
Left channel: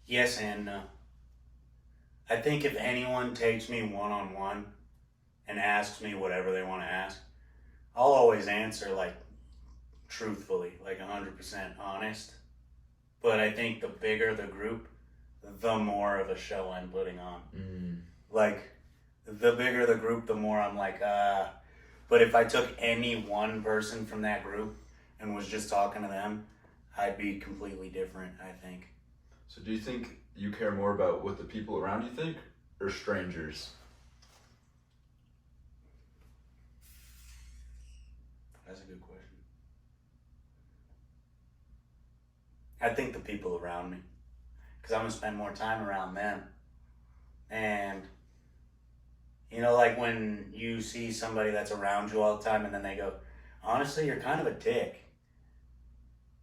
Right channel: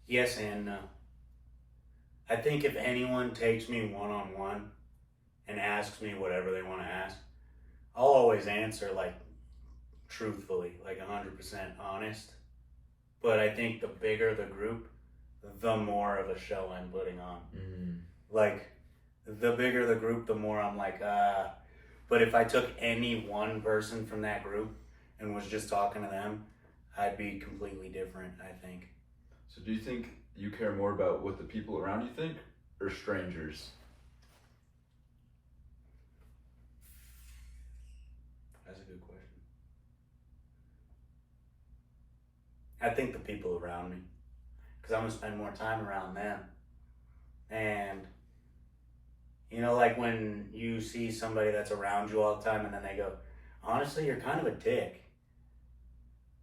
Yes and no. I think if anyone takes me one-on-one and asks me whatever they want to ask, I'll always answer, like, truthfully, like 100% honest. But I think the bigger the group, the more of a show I'm putting on. Mm. Like, the bigger the group, the more I'm like, But if I took any one person from that group and was just talking to them, I'd be completely different, I think. So do you think you care more about what the people around you think or strangers? That's a good question. I think the people around me. Because I'm going to spend more time around them. And, you know, like when you see somebody that's around you all the time and then they go, honestly, you're kind of a dick.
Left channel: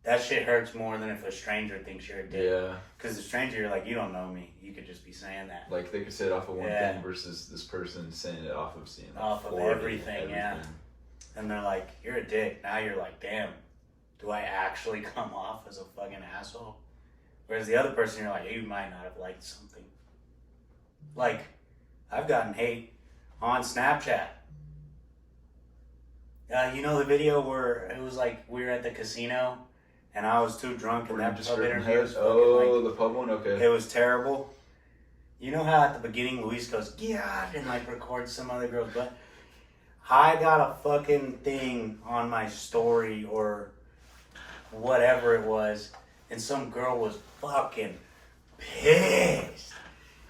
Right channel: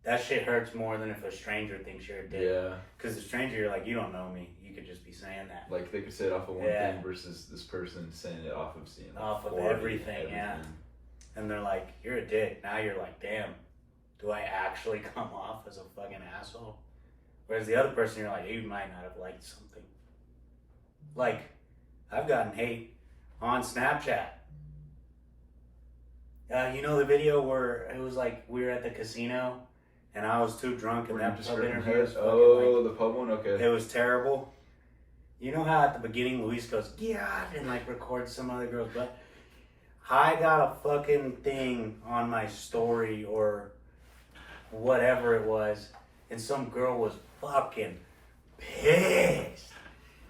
That shit hurts more than if a stranger thinks you're a dick. Yeah. Because the stranger, you're like, you don't know me. You could just be saying that. Like, they could say it off of one Yeah. thing versus this person saying it off of seeing like Off of 40, everything, yeah. And they're like, you're a dick. Now you're like, damn, do I actually come off as a fucking asshole? Whereas the other person, you're like, you might not have liked something. Like, I've gotten hate on Snapchat. You know the video where it was like we were at the casino and I was too drunk and Were you that just pub stripping interview was heads? fucking Oh, like, the pub one? Okay. it was terrible. You know how at the beginning Luis goes, God, and like records some other girl's butt? I got a fucking thing on my story or whatever it was, and some girl was fucking pissed.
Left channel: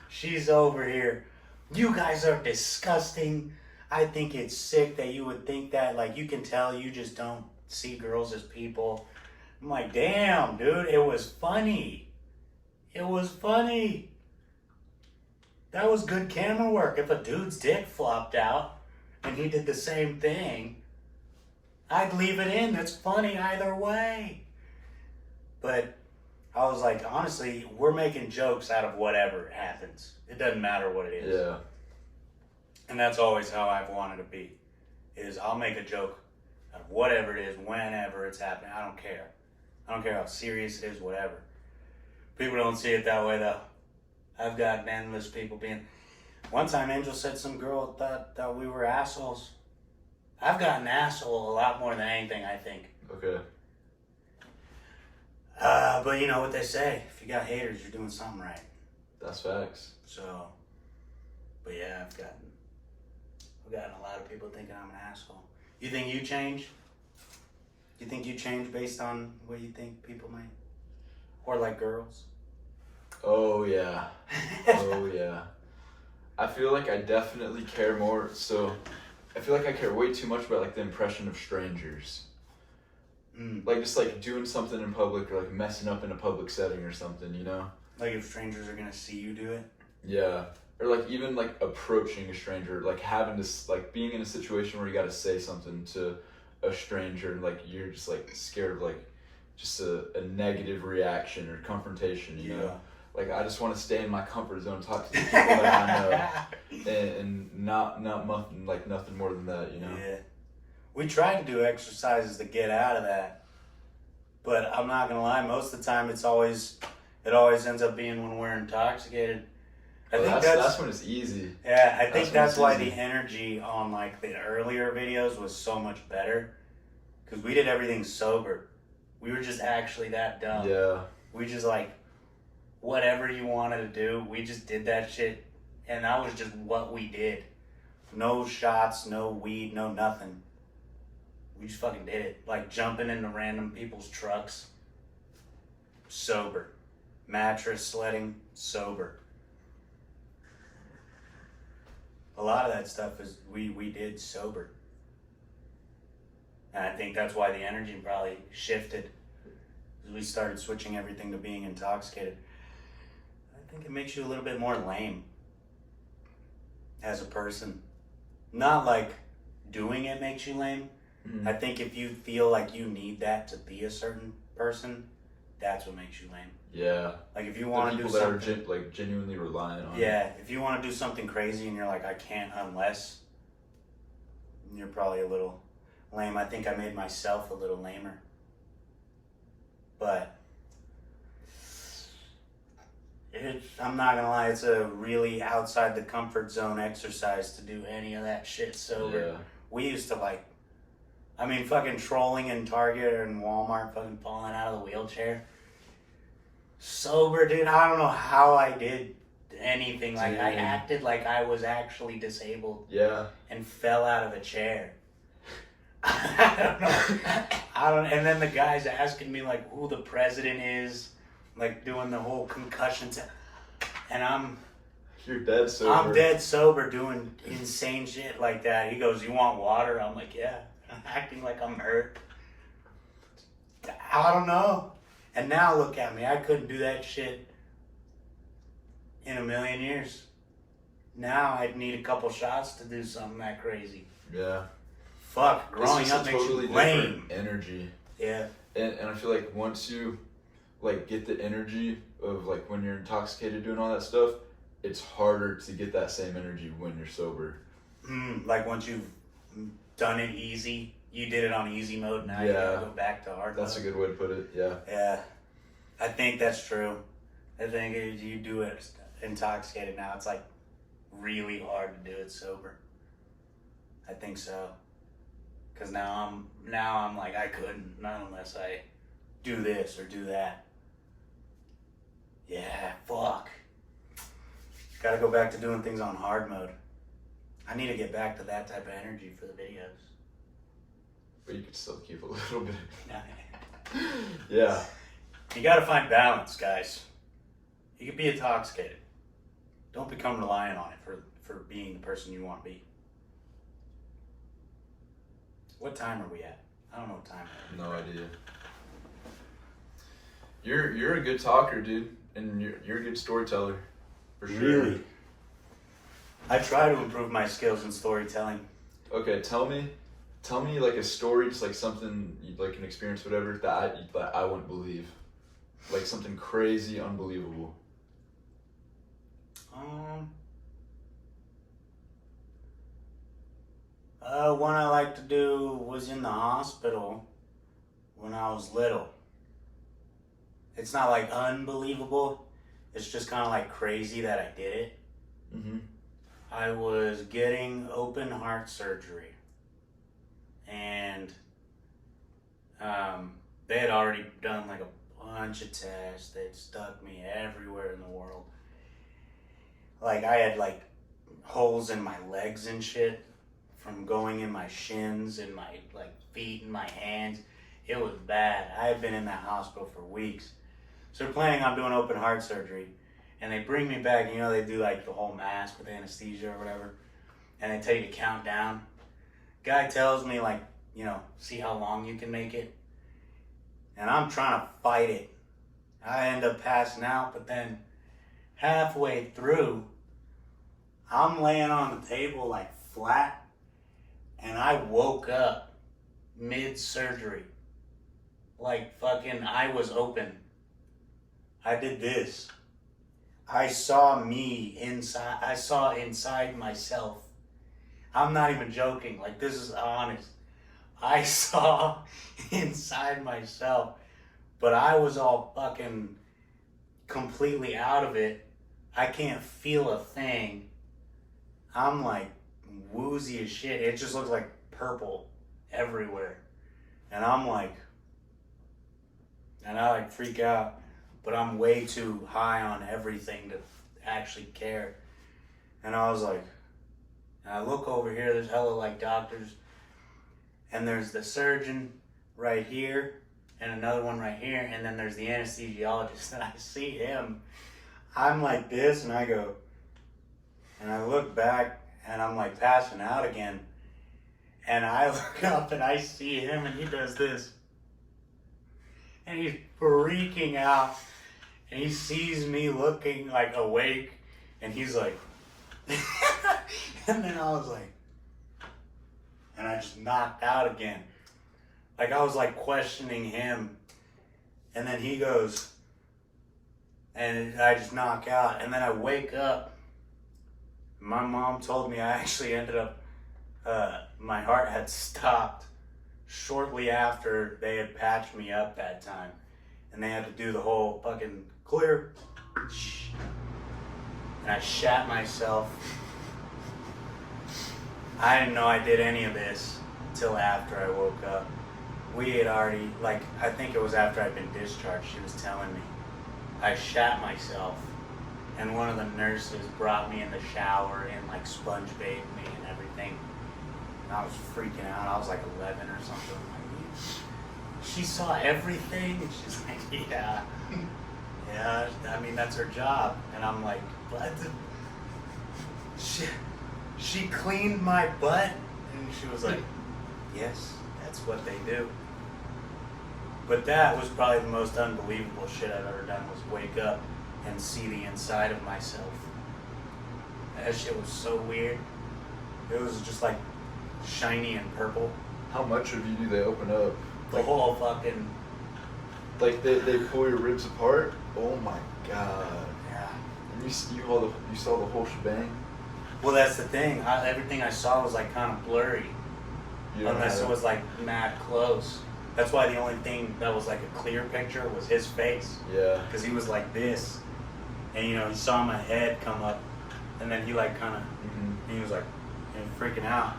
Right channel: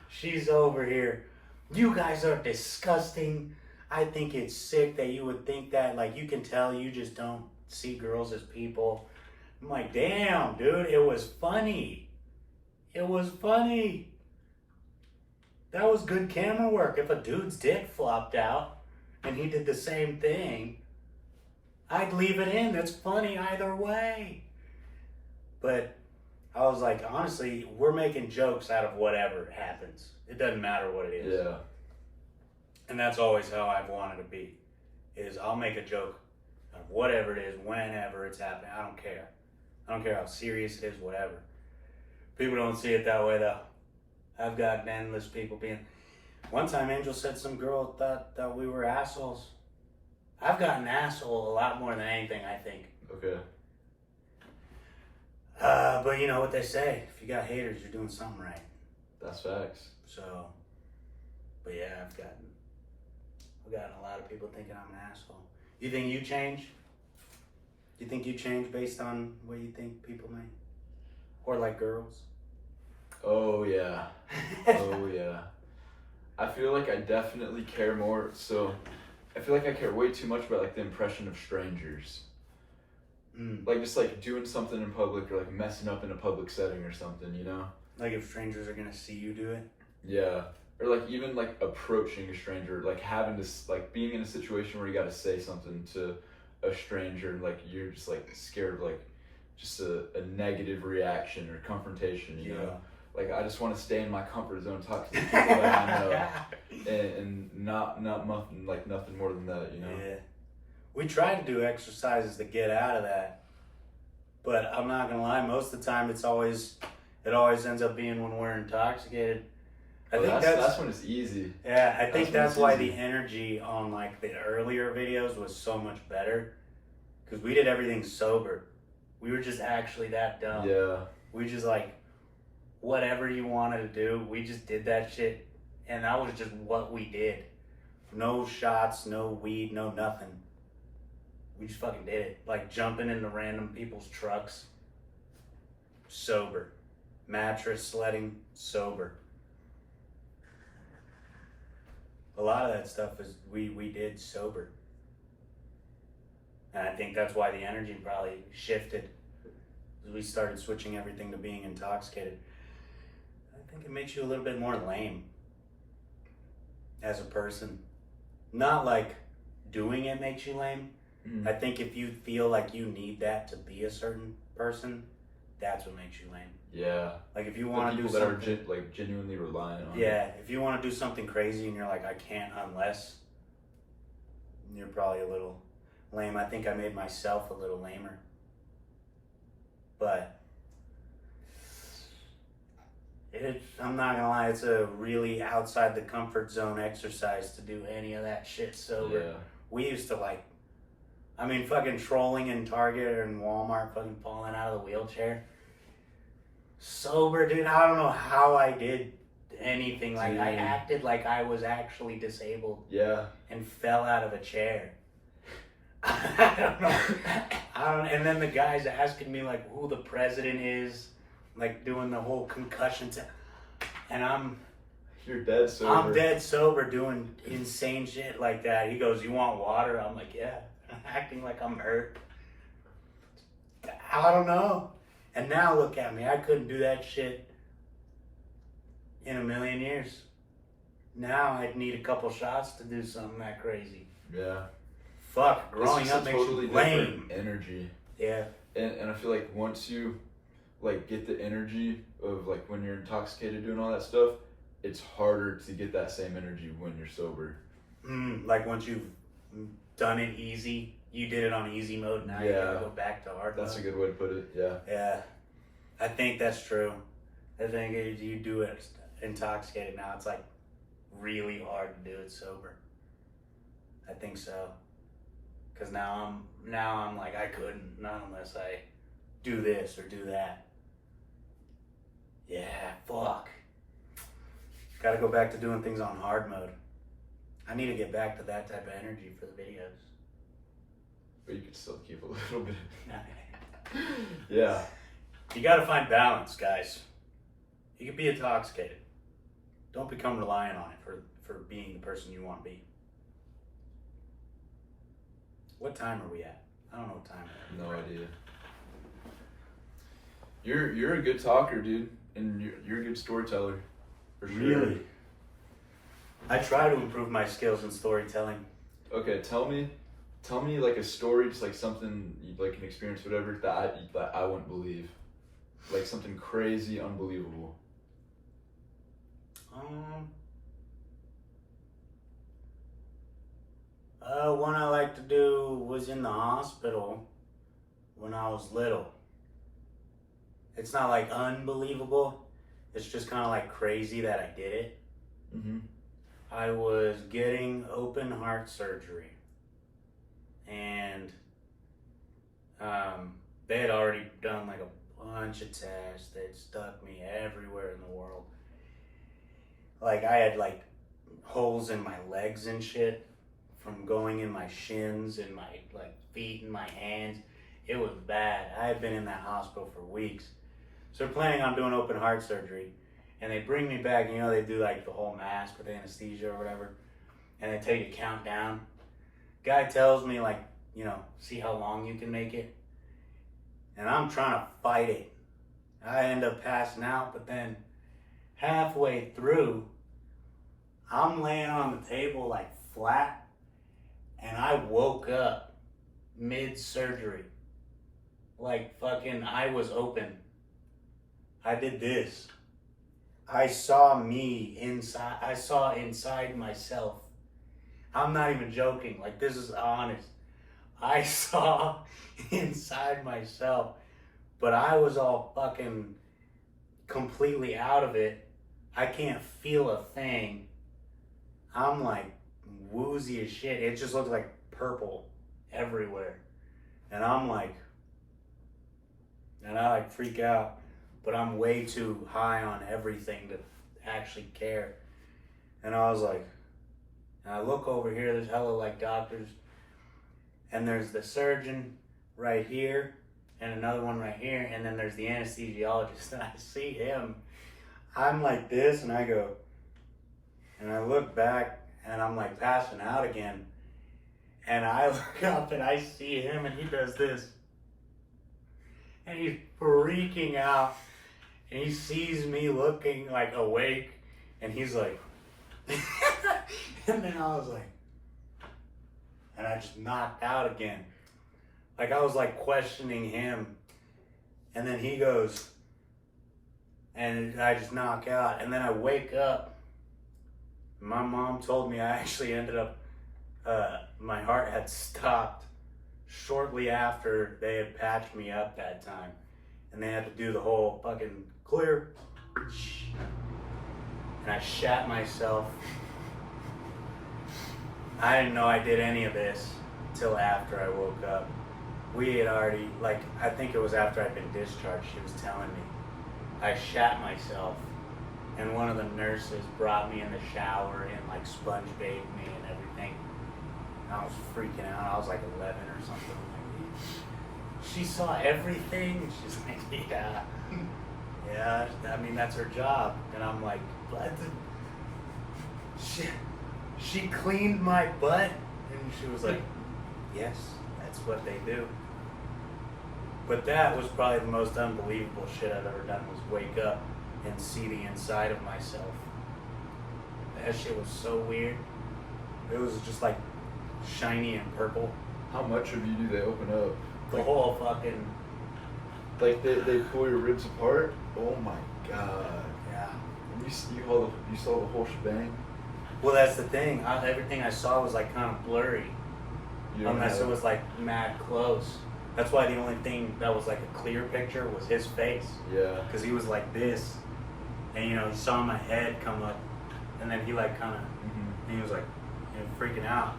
She's over here. You guys are disgusting. I think it's sick that you would think that. Like, you can tell you just don't see girls as people. I'm like, damn, dude, it was funny. It was funny. That was good camera work. If a dude's dick flopped out and he did the same thing, I'd leave it in. That's funny either way. But I was like, honestly, we're making jokes out of whatever happens. It doesn't matter what it is. Yeah. And that's always how I've wanted to be. Is I'll make a joke out of whatever it is, whenever it's happening. I don't care. I don't care how serious it is, whatever. People don't see it that way though. I've gotten endless people being... One time Angel said some girl thought we were assholes. I've gotten asshole a lot more than anything, I think. Okay. But you know what they say, if you got haters, you're doing something right. That's facts. So, but yeah, I've gotten a lot of people thinking I'm an asshole. You think you change? Do you think you change based on what you think people might, or like girls? Oh yeah. Oh yeah. I feel like I definitely care more. So, I feel like I care way too much about like the impression of strangers. Like just like doing something in public or like messing up in a public setting or something, you know? Like if strangers are gonna see you do it? Yeah. Or like even like approaching a stranger, like having this, like being in a situation where you gotta say something to a stranger and like you're just like scared of like just a negative reaction or confrontation, you know? Like I just want to stay in my comfort zone, talk to the people that I know, and not nothing more than that, you know? Yeah. We try to do exercises to get out of that, but I'm not gonna lie. Most of the time, it always ends up being when we're intoxicated. I think that's when it's easy. Yeah, I think that's why the energy on like the earlier videos was so much better, because we did everything sober. We were just actually that dumb. Yeah. We just like whatever you wanted to do, we just did that shit, and that was just what we did. No shots, no weed, no nothing. We just fucking did it. Like jumping into random people's trucks. Sober. Mattress sledding. Sober. A lot of that stuff is we did sober. And I think that's why the energy probably shifted. We started switching everything to being intoxicated. I think it makes you a little bit more lame as a person. Not like doing it makes you lame. I think if you feel like you need that to be a certain person, that's what makes you lame. Yeah. Like if you want to do people something that are like genuinely reliant on yeah, if you want to do something crazy and you're like, I can't unless, you're probably a little lame. I think I made myself a little lamer. But I'm not gonna lie, it's a really outside the comfort zone exercise to do any of that shit sober. Yeah. We used to like, I mean, fucking trolling in Target or in Walmart, fucking falling out of the wheelchair. Sober, dude, I don't know how I did anything. Like, I acted like I was actually disabled. Yeah. And fell out of a chair. I don't know. And then the guy's asking me, like, who the president is. Like, doing the whole concussion and You're dead sober. I'm dead sober doing insane shit like that. He goes, you want water? I'm like, yeah. Acting like I'm hurt. I don't know. And now look at me. I couldn't do that shit in a million years. Now I'd need a couple shots to do something that crazy. Yeah. Fuck, growing up makes totally you lame. Energy. Yeah. And I feel like once you like get the energy of like when you're intoxicated doing all that stuff, it's harder to get that same energy when you're sober. Like once you've done it easy, you did it on easy mode, now you gotta go back to hard mode. That's a good way to put it, yeah. Yeah, I think that's true. I think if you do it intoxicated now, it's like really hard to do it sober. I think so. Cause now I'm like, I couldn't, not unless I do this or do that. Yeah, fuck. Gotta go back to doing things on hard mode. I need to get back to that type of energy for the videos. But you could still keep a little bit. Yeah. You gotta find balance, guys. You can be intoxicated. Don't become reliant on it for being the person you want to be. What time are we at? I don't know what time it is. No idea. You're a good talker, dude, and you're a good storyteller. For sure. Really? I try to improve my skills in storytelling. Okay, tell me like a story, just like something like an experience, whatever that I wouldn't believe, like something crazy, unbelievable. One I like to do was in the hospital when I was little. It's not like unbelievable. It's just kind of like crazy that I did it. Mm-hmm. I was getting open heart surgery. And They had already done like a bunch of tests. They'd stuck me everywhere in the world. Like I had like holes in my legs and shit from going in my shins and my like feet and my hands. It was bad. I had been in that hospital for weeks. So they're planning on doing open heart surgery. And they bring me back, and you know, they do like the whole mask with anesthesia or whatever. And they tell you to count down. Guy tells me like, you know, see how long you can make it. And I'm trying to fight it. I end up passing out, but then halfway through, I'm laying on the table like flat, and I woke up mid-surgery. Like fucking, I was open. I did this. I saw me inside. I saw inside myself. I'm not even joking. Like, this is honest. I saw inside myself, but I was all fucking completely out of it. I can't feel a thing. I'm like woozy as shit. It just looks like purple everywhere. And I'm like, and I like freak out, but I'm way too high on everything to actually care. And I was like, and I look over here, there's hella like doctors, and there's the surgeon right here, and another one right here, and then there's the anesthesiologist, and I see him. I'm like this, and I go, and I look back, and I'm like passing out again, and I look up, and I see him, and he does this, and he's freaking out, and he sees me looking like awake, and he's like, and then I was like, and I just knocked out again. Like I was like questioning him, and then he goes, and I just knock out, and then I wake up. My mom told me I actually ended up, my heart had stopped shortly after they had patched me up that time, and they had to do the whole fucking clear, and I shat myself. I didn't know I did any of this till after I woke up. We had already, like, I think it was after I'd been discharged, she was telling me. I shat myself, and one of the nurses brought me in the shower and, like, sponge bathed me and everything. And I was freaking out. I was, like, 11 or something. Like, she saw everything, and she's like, yeah. Yeah, I mean, that's her job. And I'm like, what? She cleaned my butt, and she was like, yes, that's what they do. But that was probably the most unbelievable shit I've ever done, was wake up and see the inside of myself. That shit was so weird. It was just like shiny and purple. How much of you do they open up? The Like, whole fucking, like they pull your ribs apart? Oh my god. yeah. And you saw the whole shebang? Well, that's the thing. Everything I saw was like kind of blurry. You don't Unless have it was like mad close. That's why the only thing that was like a clear picture was his face. Yeah. Because he was like this. And you know, he saw my head come up. And then he like kind of, and he was like, you know, freaking out.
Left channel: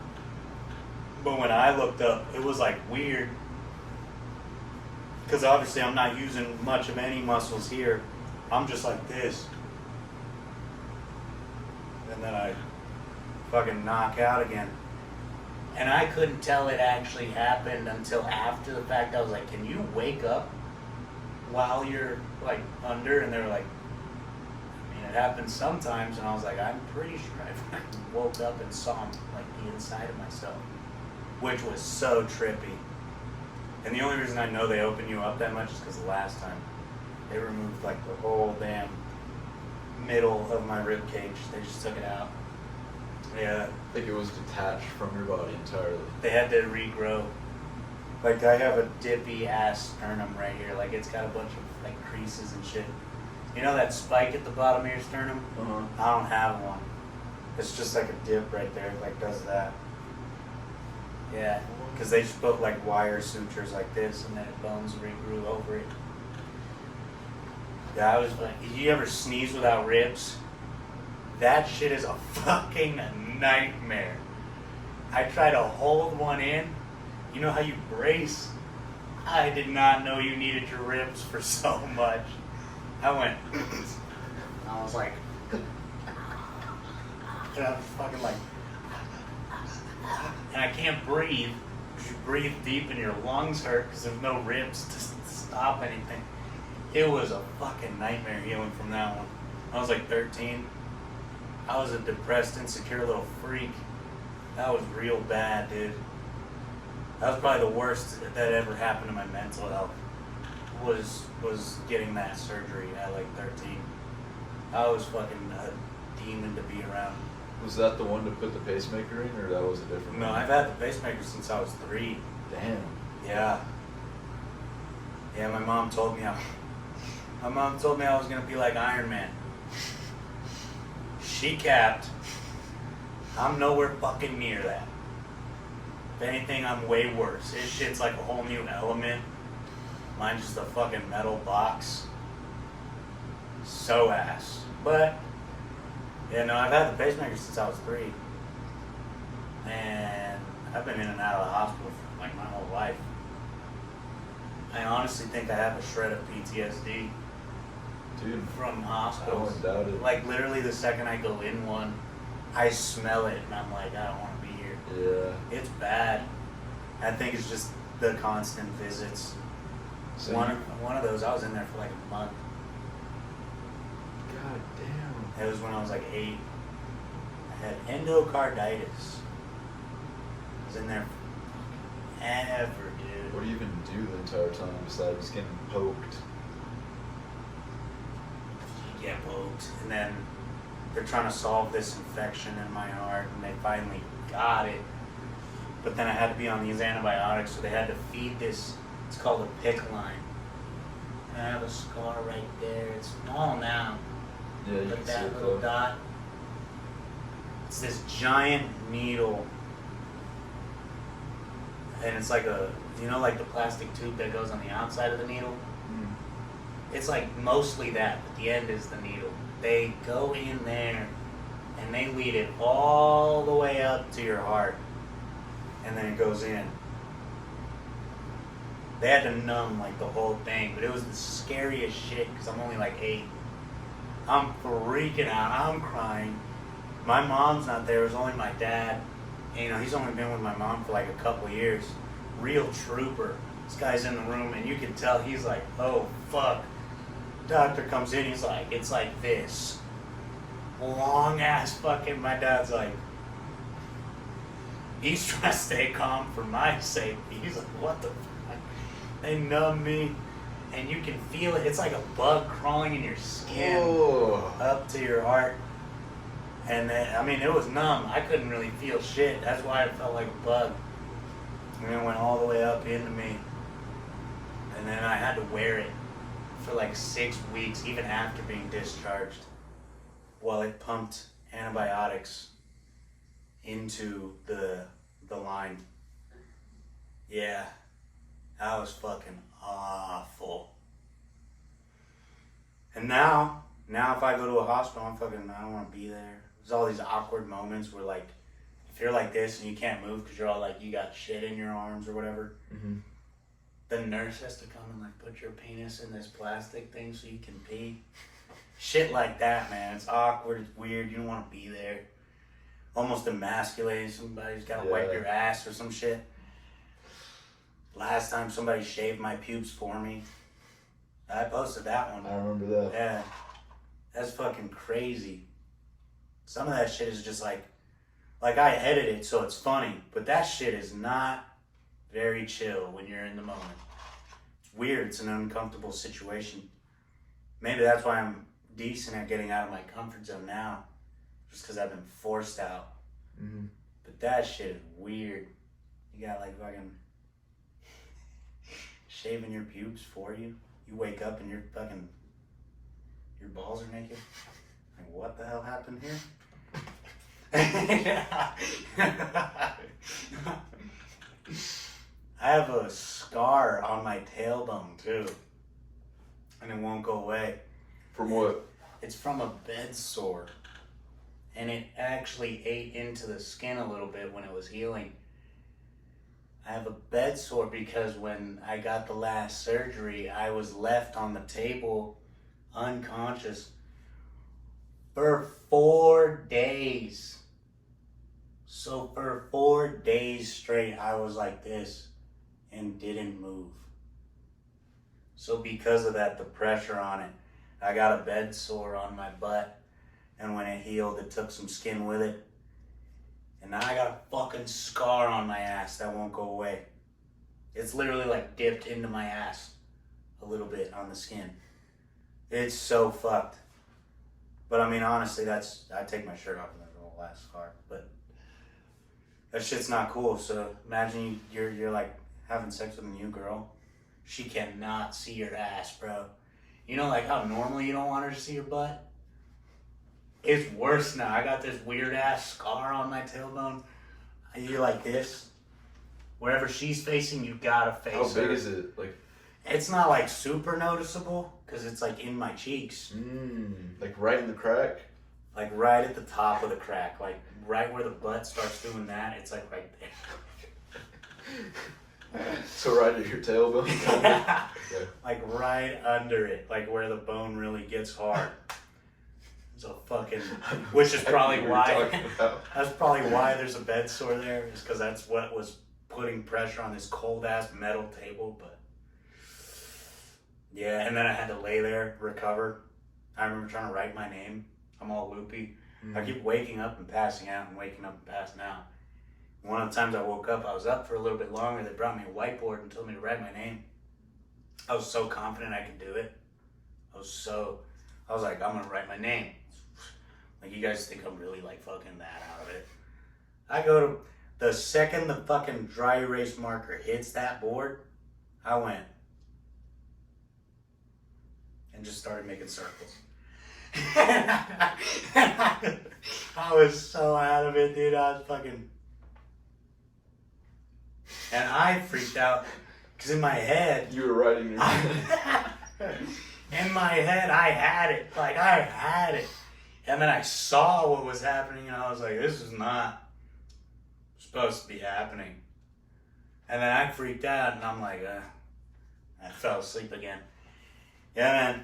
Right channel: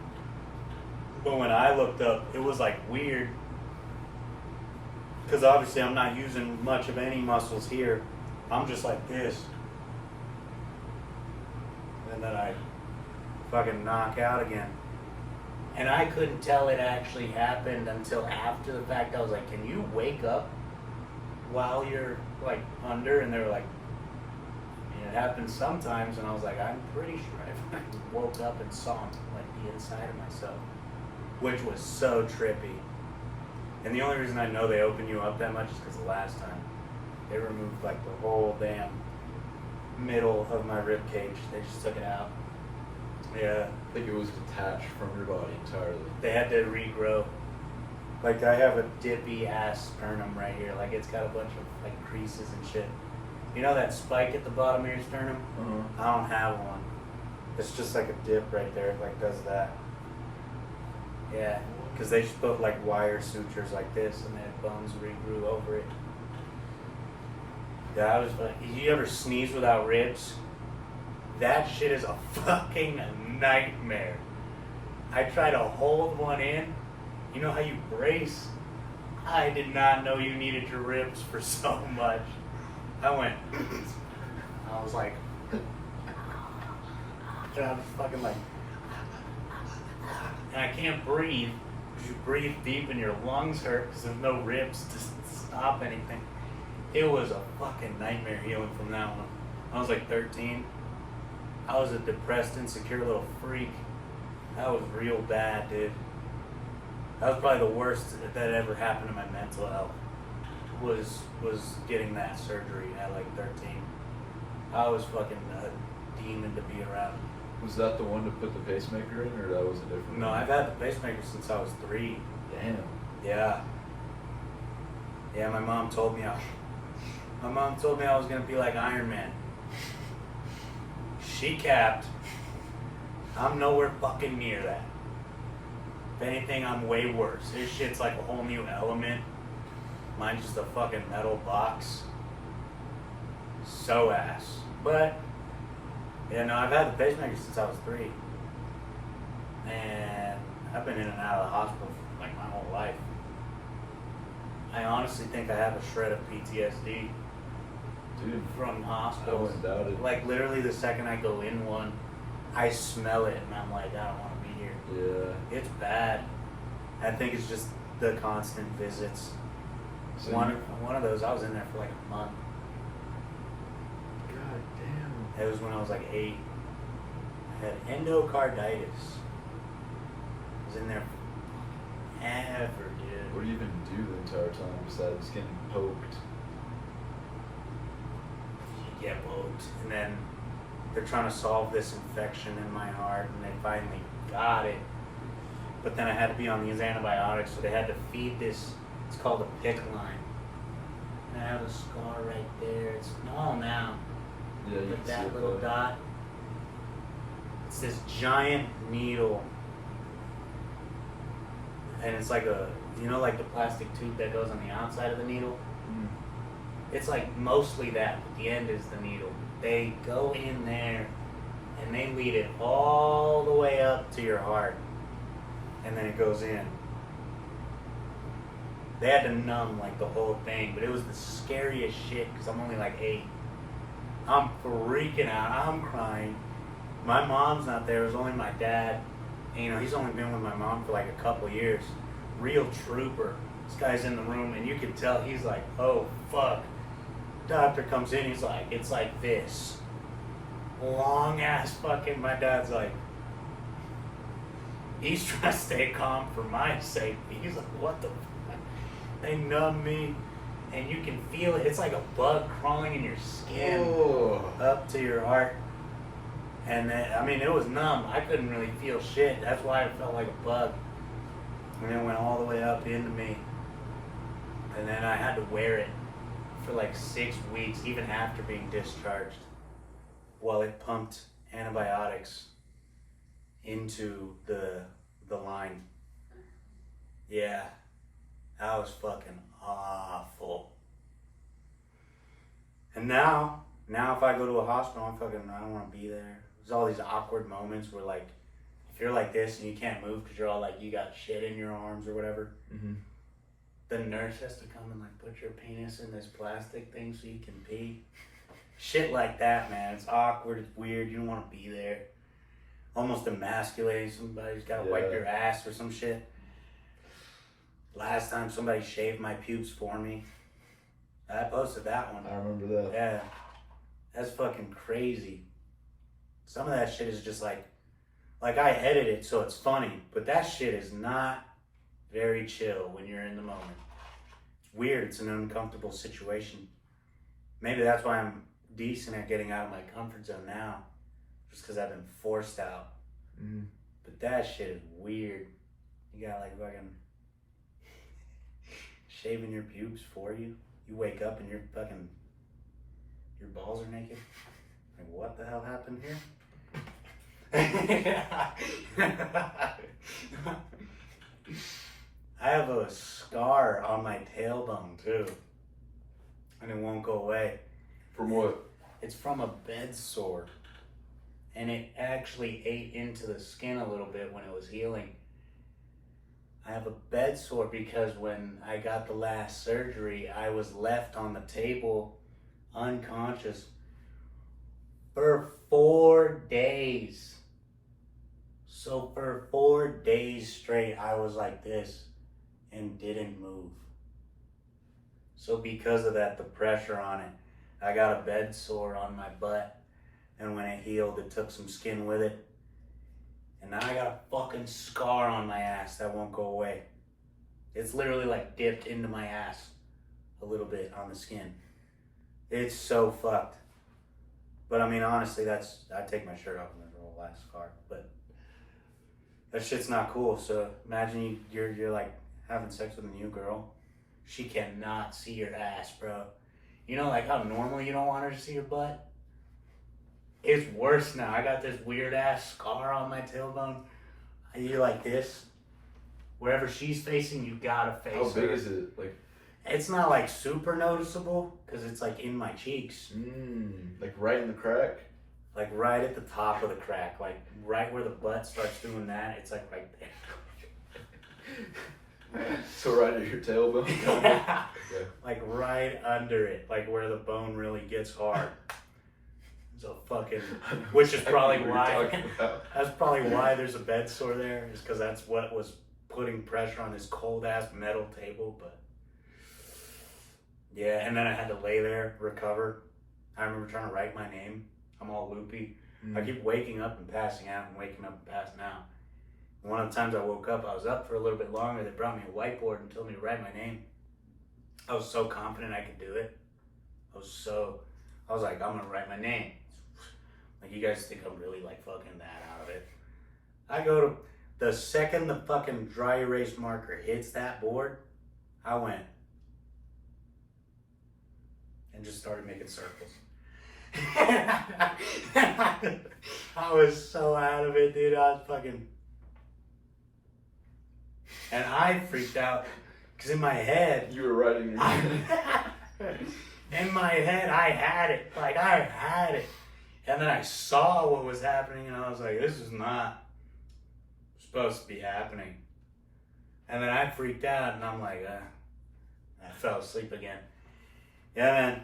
But when I looked up, it was like weird. Because obviously I'm not using much of any muscles here. I'm just like this. And then I fucking knock out again. And I couldn't tell it actually happened until after the fact. I was like, can you wake up while you're like under? And they were like, I mean, it happens sometimes. And I was like, I'm pretty sure I fucking woke up and saw like the inside of myself, which was so trippy. And the only reason I know they open you up that much is because the last time they removed like the whole damn middle of my rib cage. They just took it out. Yeah. I think it was detached from your body entirely. They had to regrow. Like I have a dippy ass sternum right here. Like it's got a bunch of like creases and shit. You know that spike at the bottom of your sternum? Uh-huh. I don't have one. It's just like a dip right there. It like does that. Yeah. Because they just put like wire sutures like this, and then bones regrew over it. Yeah, I was like, you ever sneeze without ribs? That shit is a fucking nightmare. I try to hold one in. You know how you brace? I did not know you needed your ribs for so much. I went, I was like, and I was fucking like, and I can't breathe because you breathe deep and your lungs hurt because there's no ribs to stop anything. It was a fucking nightmare healing from that one. I was like 13. I was a depressed, insecure little freak. That was real bad, dude. That was probably the worst that ever happened to my mental health. Was getting that surgery at like 13. I was fucking a demon to be around. Was that the one to put the pacemaker in, or that was a different No, one? I've had the pacemaker since I was 3. Damn. Yeah. Yeah, my mom told me I was gonna be like Iron Man. She capped. I'm nowhere fucking near that. If anything, I'm way worse. This shit's like a whole new element. Mine's just a fucking metal box. So ass. But, yeah, no, I've had the pacemaker since I was 3. And I've been in and out of the hospital for like my whole life. I honestly think I have a shred of PTSD Dude, from I hospitals. wouldn't doubt it. Like literally the second I go in one, I smell it and I'm like, I don't want to be here. Yeah. It's bad. I think it's just the constant visits. So One of those, I was in there for like a month. God damn. It was when I was like 8. I had endocarditis. I was in there for ever, dude. What do you even do the entire time besides getting poked? You get poked, and then they're trying to solve this infection in my heart, and they finally got it. But then I had to be on these antibiotics, so they had to feed this. It's called a PIC line. And I have a scar right there. It's small now, Yeah, you but can see that it little though. dot. It's this giant needle, and it's like a, you know, like the plastic tube that goes on the outside of the needle. Mm. It's like mostly that, but the end is the needle. They go in there and they lead it all the way up to your heart, and then it goes in. They had to numb like the whole thing, but it was the scariest shit because I'm only like 8. I'm freaking out. I'm crying. My mom's not there. It was only my dad. And, you know, he's only been with my mom for like a couple years. Real trooper. This guy's in the room, and you can tell he's like, oh, fuck. Doctor comes in, he's like, it's like this. Long ass fucking, my dad's like, he's trying to stay calm for my sake. He's like, what the fuck? They numb me, and you can feel it. It's like a bug crawling in your skin up to your heart. And then, I mean, it was numb. I couldn't really feel shit. That's why it felt like a bug. And it went all the way up into me. And then I had to wear it for like 6 weeks, even after being discharged, while it pumped antibiotics into the line. Yeah, that was fucking awful. And now if I go to a hospital, I don't want to be there. There's all these awkward moments where, like, if you're like this and you can't move because you're all like, you got shit in your arms or whatever, Mm-hmm. the nurse has to come and like put your penis in this plastic thing so you can pee. Shit like that, man. It's awkward. It's weird. You don't want to be there. Almost emasculating. Somebody's got to wipe your ass or some shit. Last time somebody shaved my pubes for me. I posted that one. I remember that. Yeah. That's fucking crazy. Some of that shit is just like I edit it so it's funny, but that shit is not very chill when you're in the moment. It's weird. It's an uncomfortable situation. Maybe that's why I'm decent at getting out of my comfort zone now, just because I've been forced out. Mm-hmm. But that shit is weird. You got like fucking shaving your pubes for you. You wake up and your balls are naked. Like, what the hell happened here? I have a scar on my tailbone too, and it won't go away. From what? It's from a bed sore, and it actually ate into the skin a little bit when it was healing. I have a bed sore because when I got the last surgery, I was left on the table unconscious for 4 days. So for 4 days straight, I was like this and didn't move. So because of that, the pressure on it, I got a bed sore on my butt. And when it healed, it took some skin with it. And now I got a fucking scar on my ass that won't go away. It's literally like dipped into my ass a little bit on the skin. It's so fucked. But I mean, honestly, I take my shirt off and there's a little last scar. But that shit's not cool. So imagine you're like having sex with a new girl. She cannot see your ass, bro. You know, like how normally you don't want her to see your butt? It's worse now. I got this weird ass scar on my tailbone. You're like this. Wherever she's facing, you gotta face her. How big is it? Like, it's not like super noticeable because it's like in my cheeks. like right in the crack? Like right at the top of the crack. Like right where the butt starts doing that. It's like right there. So right at your tailbone? Yeah. Yeah. Like right under it. Like where the bone really gets hard. So fucking, which is probably why. That's probably why there's a bed sore there. Is because that's what was putting pressure on this cold ass metal table. But yeah, and then I had to lay there, recover. I remember trying to write my name. I'm all loopy. I keep waking up and passing out and waking up and passing out. One of the times I woke up, I was up for a little bit longer. They brought me a whiteboard and told me to write my name. I was so confident I could do it. I was like, I'm gonna write my name. Like, you guys think I'm really like fucking that out of it. I go to, the second the fucking dry erase marker hits that board, I went and just started making circles. I was so out of it, dude. I was fucking, and I freaked out because in my head, You were writing your name. in my head, I had it. Like, I had it. And then I saw what was happening, and I was like, this is not supposed to be happening. And then I freaked out, and I'm like, I fell asleep again. Yeah, man.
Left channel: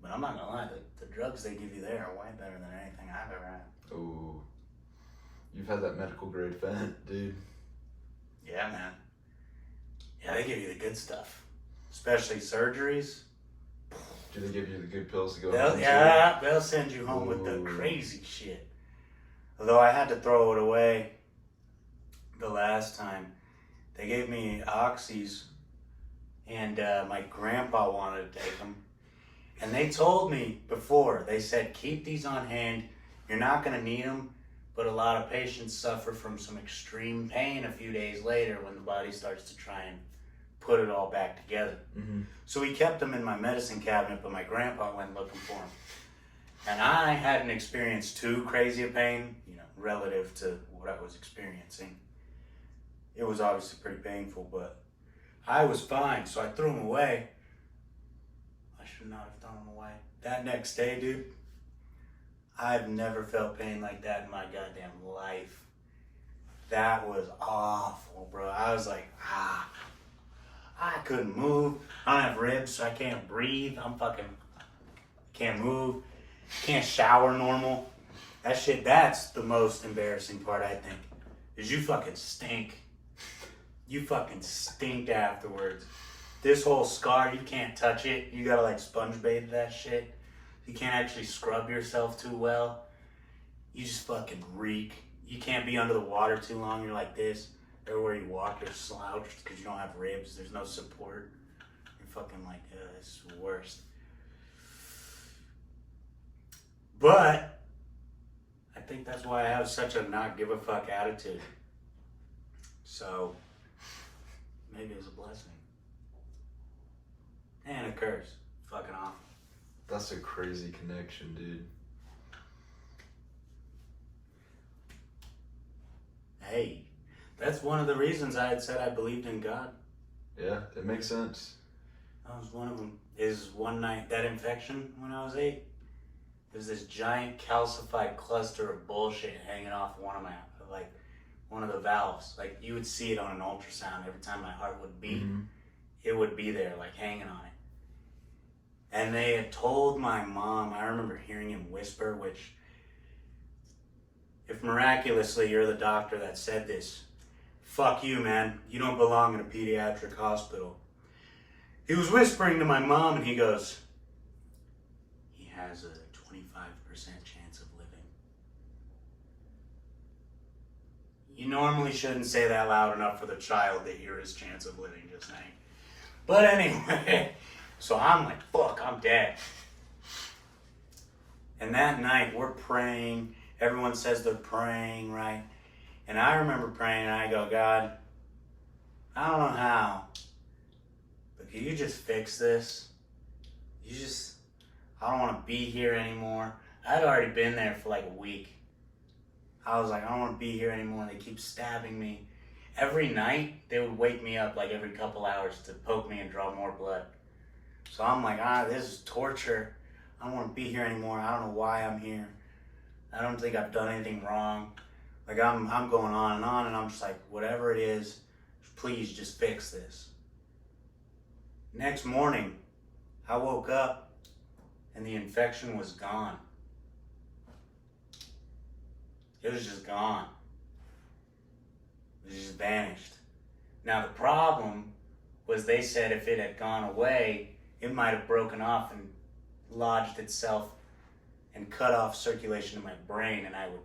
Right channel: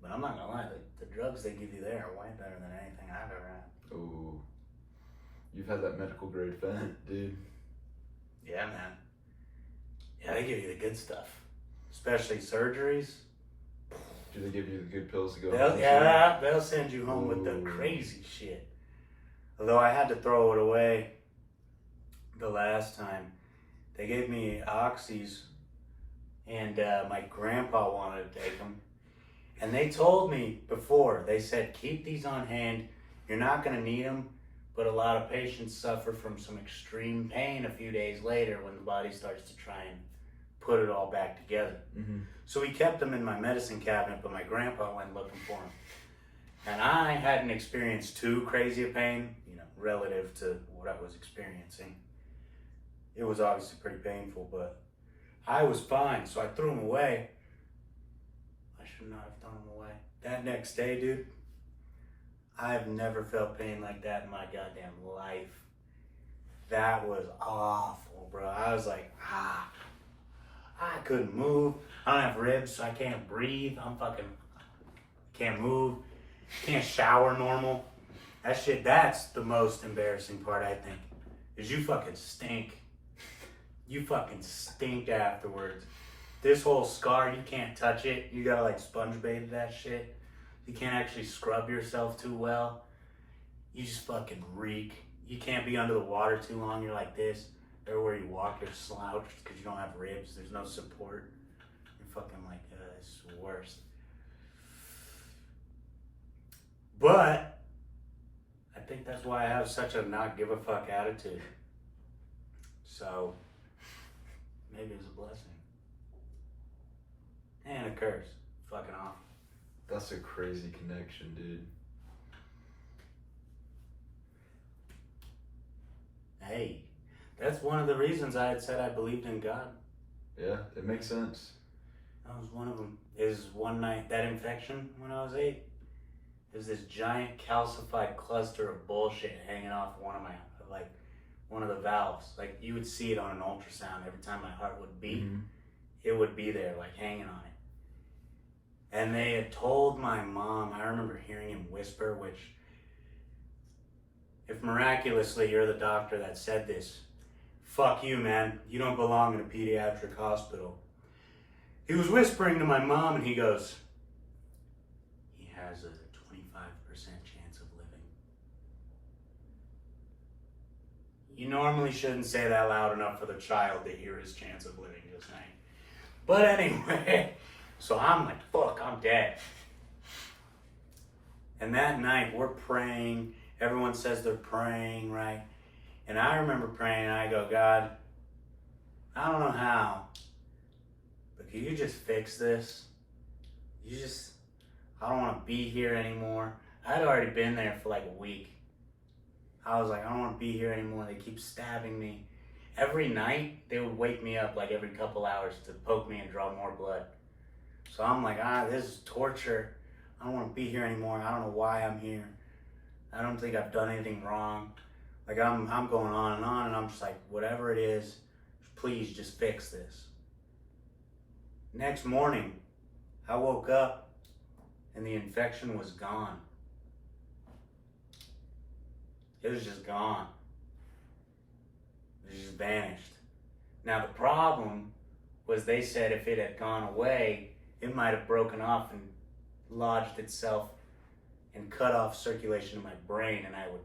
But I'm not gonna lie, the drugs they give you there are way better than anything I've ever had. Ooh. You've had that medical grade fent, dude. Yeah, man. Yeah, they give you the good stuff. Especially surgeries. Do they give you the good pills to go They'll send you home with the Ooh. crazy shit. Although I had to throw it away the last time. They gave me oxys, and my grandpa wanted to take them. And they told me before, they said, keep these on hand. You're not going to need them, but a lot of patients suffer from some extreme pain a few days later when the body starts to try and put it all back together. Mm-hmm. So we kept them in my medicine cabinet, but my grandpa went looking for them. And I hadn't experienced too crazy a pain, relative to what I was experiencing. It was obviously pretty painful, but I was fine, so I threw them away. I should not have thrown them away. That next day, dude, I've never felt pain like that in my goddamn life. That was awful, bro. I was like, I couldn't move. I don't have ribs, so I can't breathe. Can't move. Can't shower normal. That shit, that's the most embarrassing part, I think. Is you fucking stink. You fucking stink afterwards. This whole scar, you can't touch it. You gotta like sponge bathe that shit. You can't actually scrub yourself too well. You just fucking reek. You can't be under the water too long. You're like this. Everywhere you walk, you're slouched because you don't have ribs. There's no support. You're fucking like, it's the worst. But I think that's why I have such a not give a fuck attitude. So maybe it's a blessing. And a curse. Fucking awful. That's a crazy connection, dude. Hey, that's one of the reasons I had said I believed in God. Yeah, it makes sense. That was one of them. Is one night, that infection when I was 8, there's this giant calcified cluster of bullshit hanging off one one of the valves. Like you would see it on an ultrasound every time my heart would beat. Mhm. It would be there, like hanging on it. And they had told my mom, I remember hearing him whisper, which, if miraculously you're the doctor that said this, fuck you, man. You don't belong in a pediatric hospital. He was whispering to my mom and he goes, he has a 25% chance of living. You normally shouldn't say that loud enough for the child to hear his chance of living, just saying. But anyway, so I'm like, fuck, I'm dead. And that night we're praying. Everyone says they're praying, right? And I remember praying and I go, God, I don't know how, but can you just fix this? I don't want to be here anymore. I'd already been there for like a week. I was like, I don't want to be here anymore. They keep stabbing me. Every night, they would wake me up like every couple hours to poke me and draw more blood. So I'm like, this is torture. I don't want to be here anymore. I don't know why I'm here. I don't think I've done anything wrong. Like I'm going on, and I'm just like, whatever it is, please just fix this. Next morning, I woke up and the infection was gone. It was just gone. It just vanished. Now the problem was they said if it had gone away, it might have broken off and lodged itself and cut off circulation in my brain and I would,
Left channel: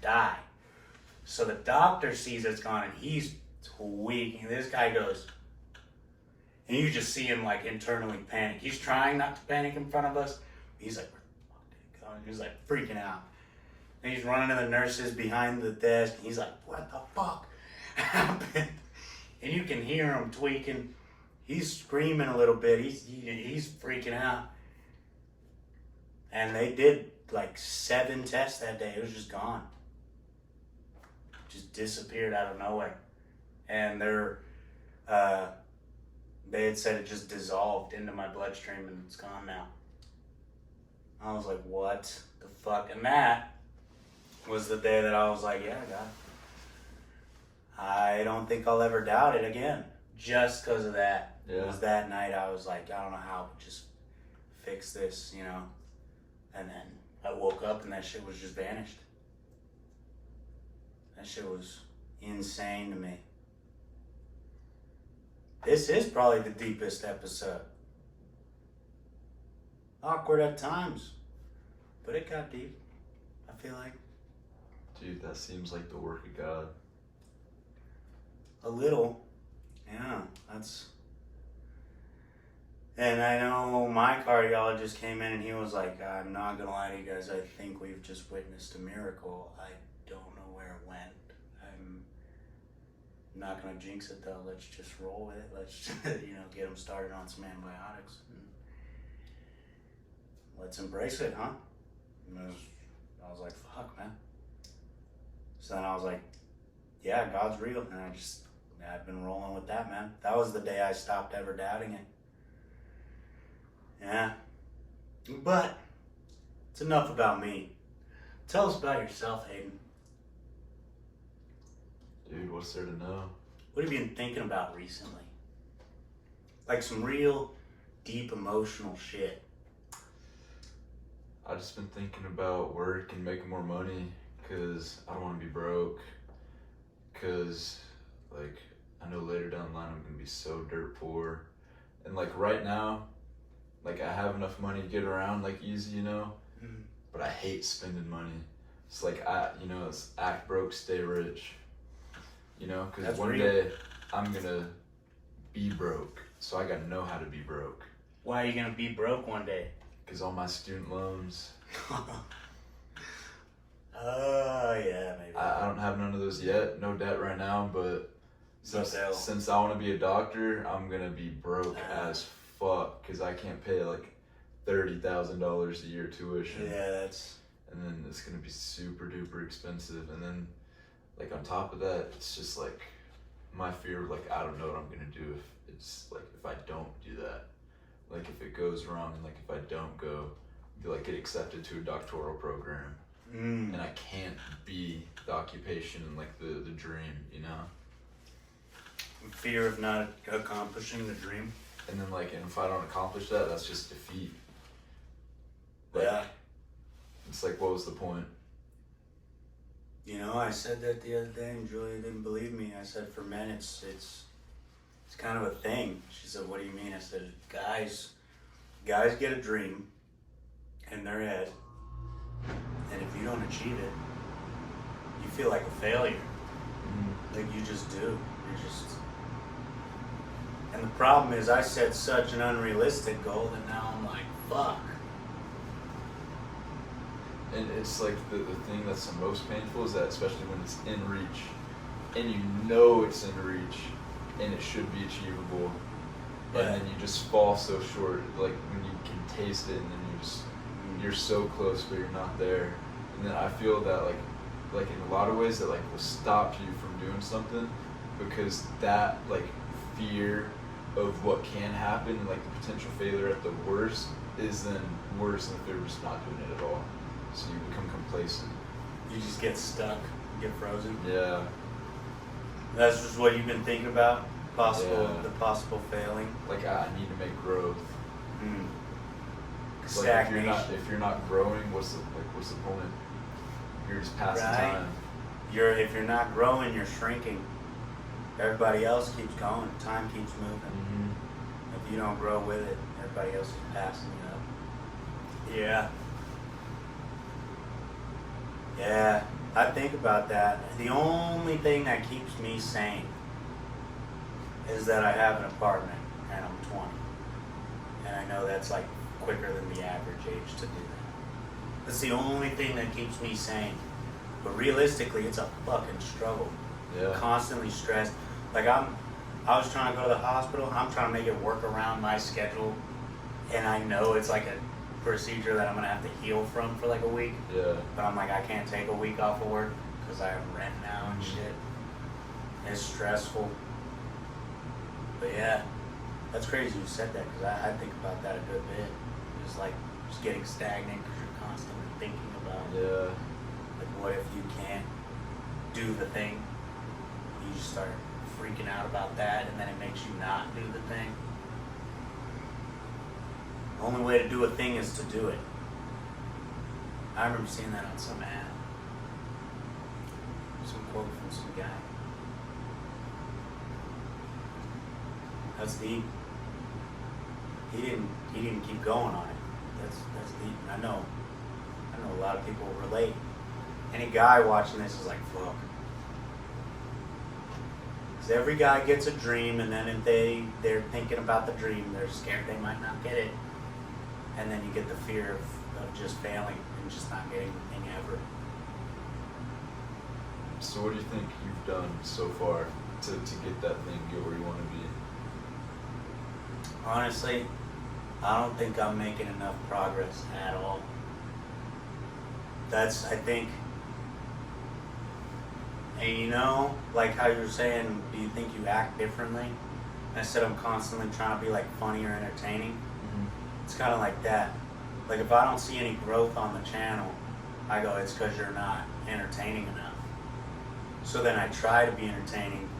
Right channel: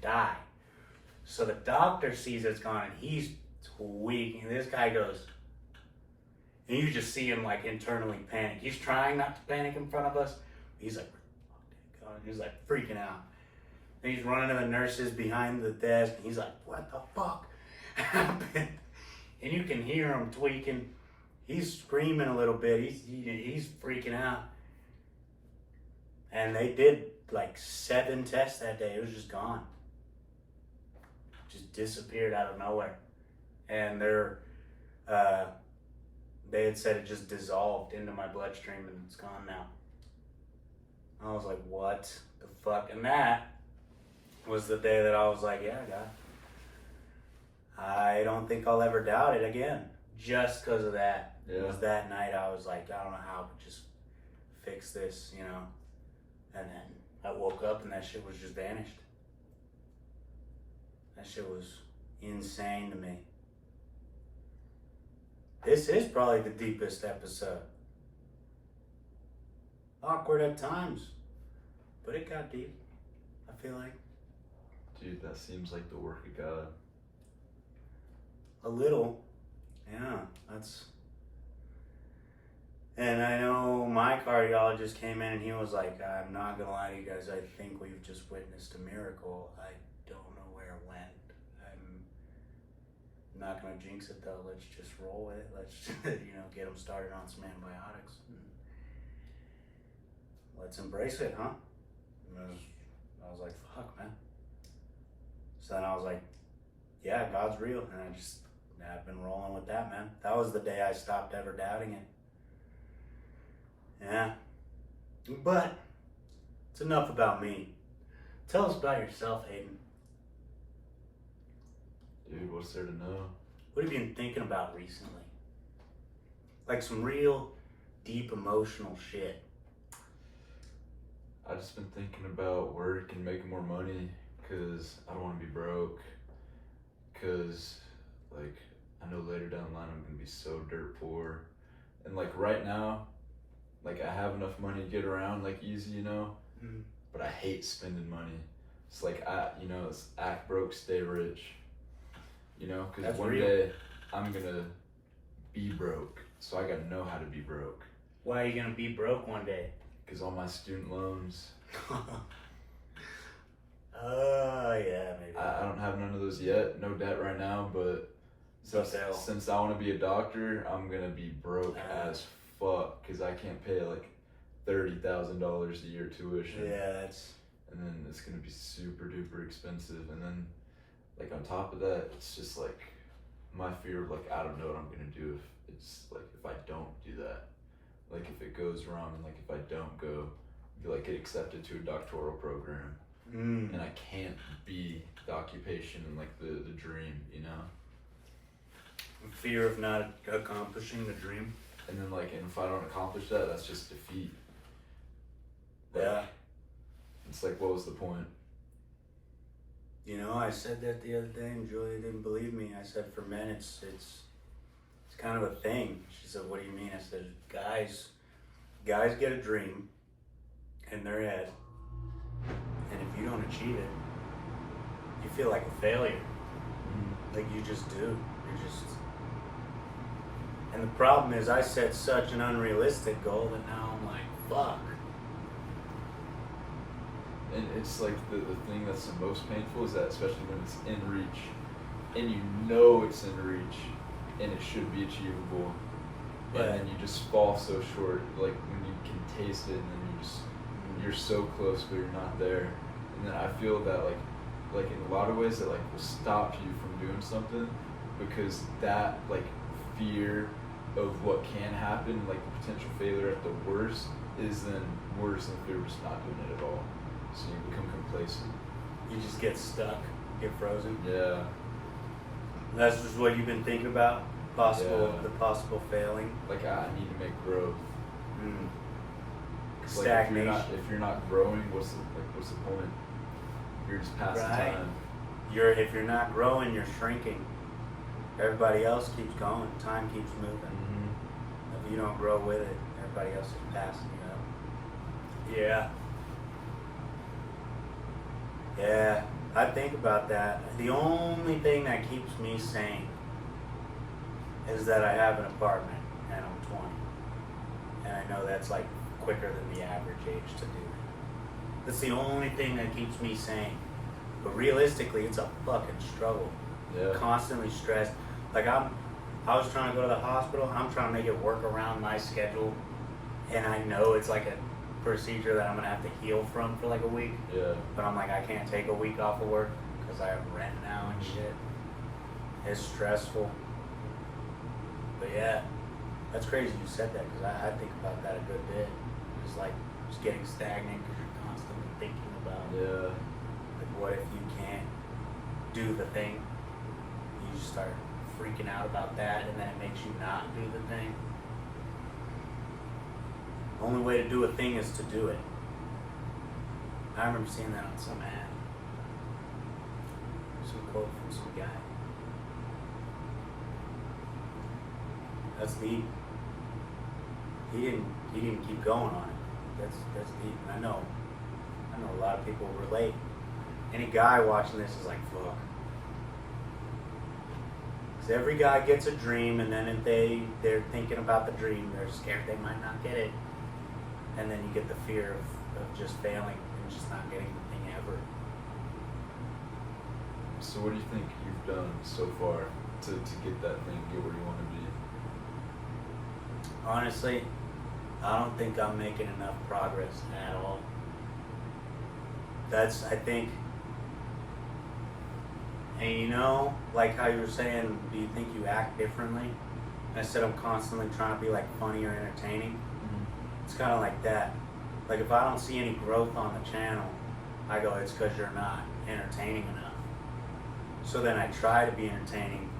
die. So the doctor sees it's gone and he's weak. And this guy goes, and you just see him like internally panic. He's trying not to panic in front of us. He's like, where the fuck did it go? And he's like freaking out. And he's running to the nurses behind the desk. And he's like, what the fuck happened? And you can hear him tweaking. He's screaming a little bit. He's freaking out. And they did like 7 tests that day. It was just gone. Just disappeared out of nowhere. And they had said it just dissolved into my bloodstream and it's gone now. I was like, what the fuck? And that was the day that I was like, yeah, God, I don't think I'll ever doubt it again. Just because of that. Yeah. It was that night I was like, I don't know how to just fix this, And then I woke up and that shit was just vanished. That shit was insane to me. This is probably the deepest episode. Awkward at times, but it got deep, I feel like. Dude, that seems like the work of God. A little, yeah, and I know my cardiologist came in and he was like, I'm not gonna lie to you guys, I think we've just witnessed a miracle. I don't know where it went. I'm not gonna jinx it though, let's just roll with it. Let's, get him started on some antibiotics. Let's embrace it, huh? And I was like, fuck, man. So then I was like, yeah, God's real. And I've been rolling with that, man. That was the day I stopped ever doubting it. Yeah. But it's enough about me. Tell us about yourself, Hayden. Dude, what's there to know? What have you been thinking about recently? Like some real deep emotional shit. I've just been thinking about work and making more money because I don't want to be broke. Because, I know later down the line I'm going to be so dirt poor. And, right now, I have enough money to get around, easy, Mm. But I hate spending money. It's it's act broke, stay rich. Because That's one real. day I'm going to be broke. So I got to know how to be broke. Why are you going to be broke one day? Because all my student loans, Yeah, maybe. I don't have none of those yet. No debt right now, but since I want to be a doctor, I'm going to be broke as fuck because I can't pay $30,000 a year tuition. Yeah, that's... And then it's going to be super duper expensive. And then, on top of that, it's just my fear of I don't know what I'm going to do if I don't do that. If it goes wrong and if I don't go, get accepted to a doctoral program. and I can't be the occupation and like the dream, you know. Fear of not accomplishing the dream. And then like, and if I don't accomplish that, that's just defeat. Like, Yeah. It's like, what was the point? You know, I said that the other day, and Julia didn't believe me. I said, for men, it's kind of a thing. She said, what do you mean? I said, guys get a dream in their head, and if you don't achieve it, you feel like a failure. Like you just do. And the problem is, I set such an unrealistic goal that now I'm like, fuck. And it's like the thing that's the most painful is that, especially when it's in reach, and you know it's in reach, and it should be achievable, But and then you just fall so short. Like when you can taste it, and then you're so close, but you're not there. And then I feel that like in a lot of ways that like will stop you from doing something, because that like fear of what can happen, like the potential failure at the worst, is then worse than if they're just not doing it at all. So you become complacent. you just get stuck, get frozen. Yeah. That's just what you've been thinking about? Yeah. The possible failing? Like I need to make growth. Mm. 'Cause, like, Stagnation. if you're not growing, what's the point? You're just passing Right. time. If you're not growing, you're shrinking. Everybody else keeps going. Time keeps moving. Mm-hmm. If you don't grow with it, everybody else is passing you up. Yeah. Yeah, I think about that. The only thing that keeps me sane is that I have an apartment and I'm 20. And I know that's like quicker than the average age to do that. That's the only thing that keeps me sane. But realistically, it's a fucking struggle. Yeah. Constantly stressed. Like I was trying to go to the hospital. I'm trying to make it work around my schedule. And I know it's like a procedure that I'm going to have to heal from for like a week. Yeah. But I'm like, I can't take a week off of work because I have rent now and shit. It's stressful. But yeah, that's crazy you said that because I think about that a good bit. It's like just getting stagnant because you're constantly thinking about Yeah. like what if you can't do the thing? You just start freaking out about that and then it makes you not do the thing. The only way to do a thing is to do it. I remember seeing that on some ad. Some quote from some guy. That's deep. He didn't keep going on it. That's deep. And I know a lot of people relate. Any guy watching this is like, fuck. Because every guy gets a dream and then if they're thinking about the dream, they're scared they might not get it. And then you get the fear of just failing and just not getting the thing ever. So what do you think you've done so far to get that thing, get where you want to be? Honestly, I don't think I'm making enough progress at all. I think, and you know, like how you were saying, do you think you act differently? And I said I'm constantly trying to be like funny or entertaining. It's kind of like that. Like if I don't see any growth on the channel, I go, it's because you're not entertaining enough. So then I try to be entertaining,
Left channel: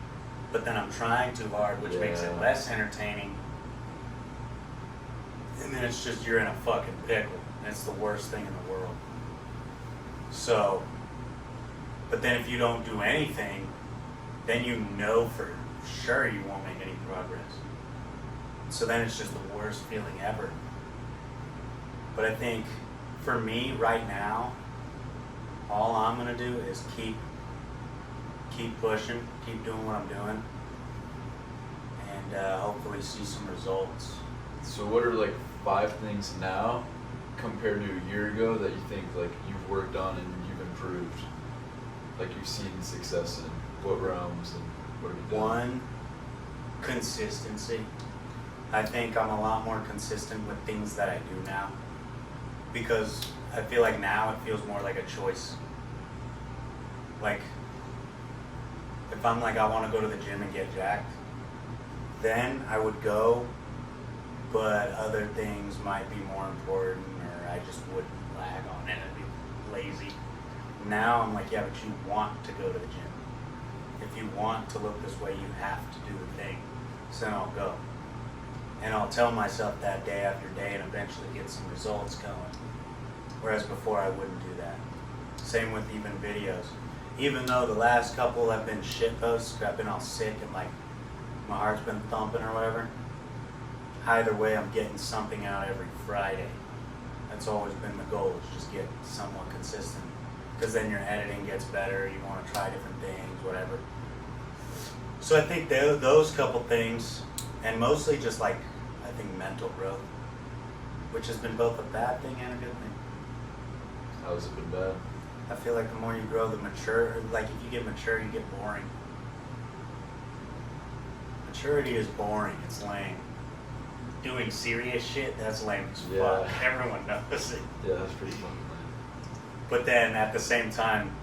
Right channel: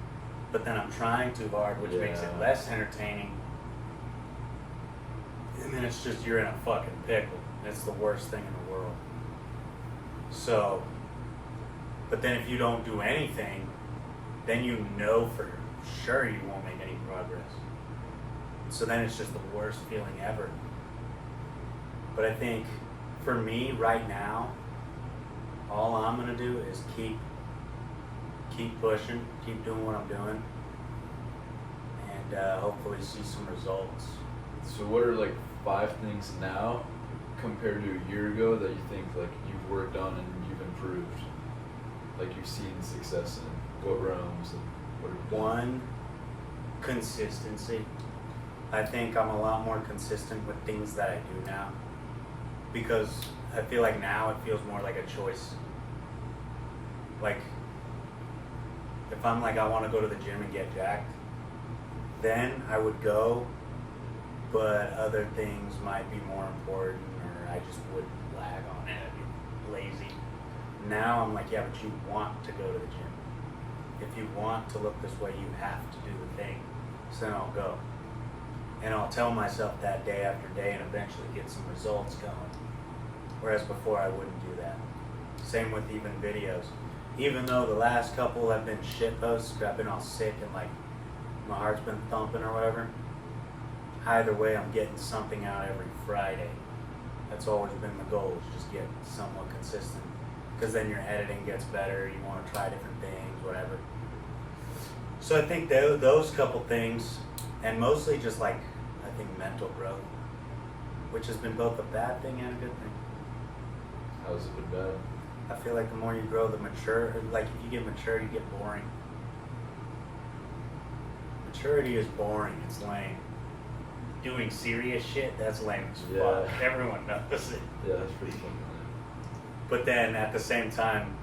but then I'm trying too hard, which makes it less entertaining. And then it's just, you're in a fucking pickle. And it's the worst thing in the world. So, but then if you don't do anything, then you know for sure you won't make any progress. So then it's just the worst feeling ever. But I think for me right now, all I'm gonna do is keep pushing, keep doing what I'm doing, and hopefully see some results. So what are like 5 things now compared to a year ago that you think like you've worked on and you've improved? Like you've seen success in what realms and what have you done? One, consistency. I think I'm a lot more consistent with things that I do now because I feel like now it feels more like a choice. Like if I'm like I want to go to the gym and get jacked, then I would go, but other things might be more important or I just wouldn't lag on it. I'd be lazy. Now I'm like, yeah, but you want to go to the gym. If you want to look this way, you have to do the thing. So then I'll go. And I'll tell myself that day after day and eventually get some results going. Whereas before I wouldn't do that. Same with even videos. Even though the last couple have been shit posts, 'cause I've been all sick and like my heart's been thumping or whatever. Either way, I'm getting something out every Friday. That's always been the goal, is just get somewhat consistent. Because then your editing gets better, you want to try different things, whatever. So I think those couple things, and mostly just like, I think mental growth, which has been both a bad thing and a good thing. How's it been bad? I feel like the more you grow, the mature, like if you get mature, you get boring. Maturity is boring, it's lame. Doing serious shit, that's lame as fuck. Everyone knows it. Yeah, that's pretty funny. But then at the same time,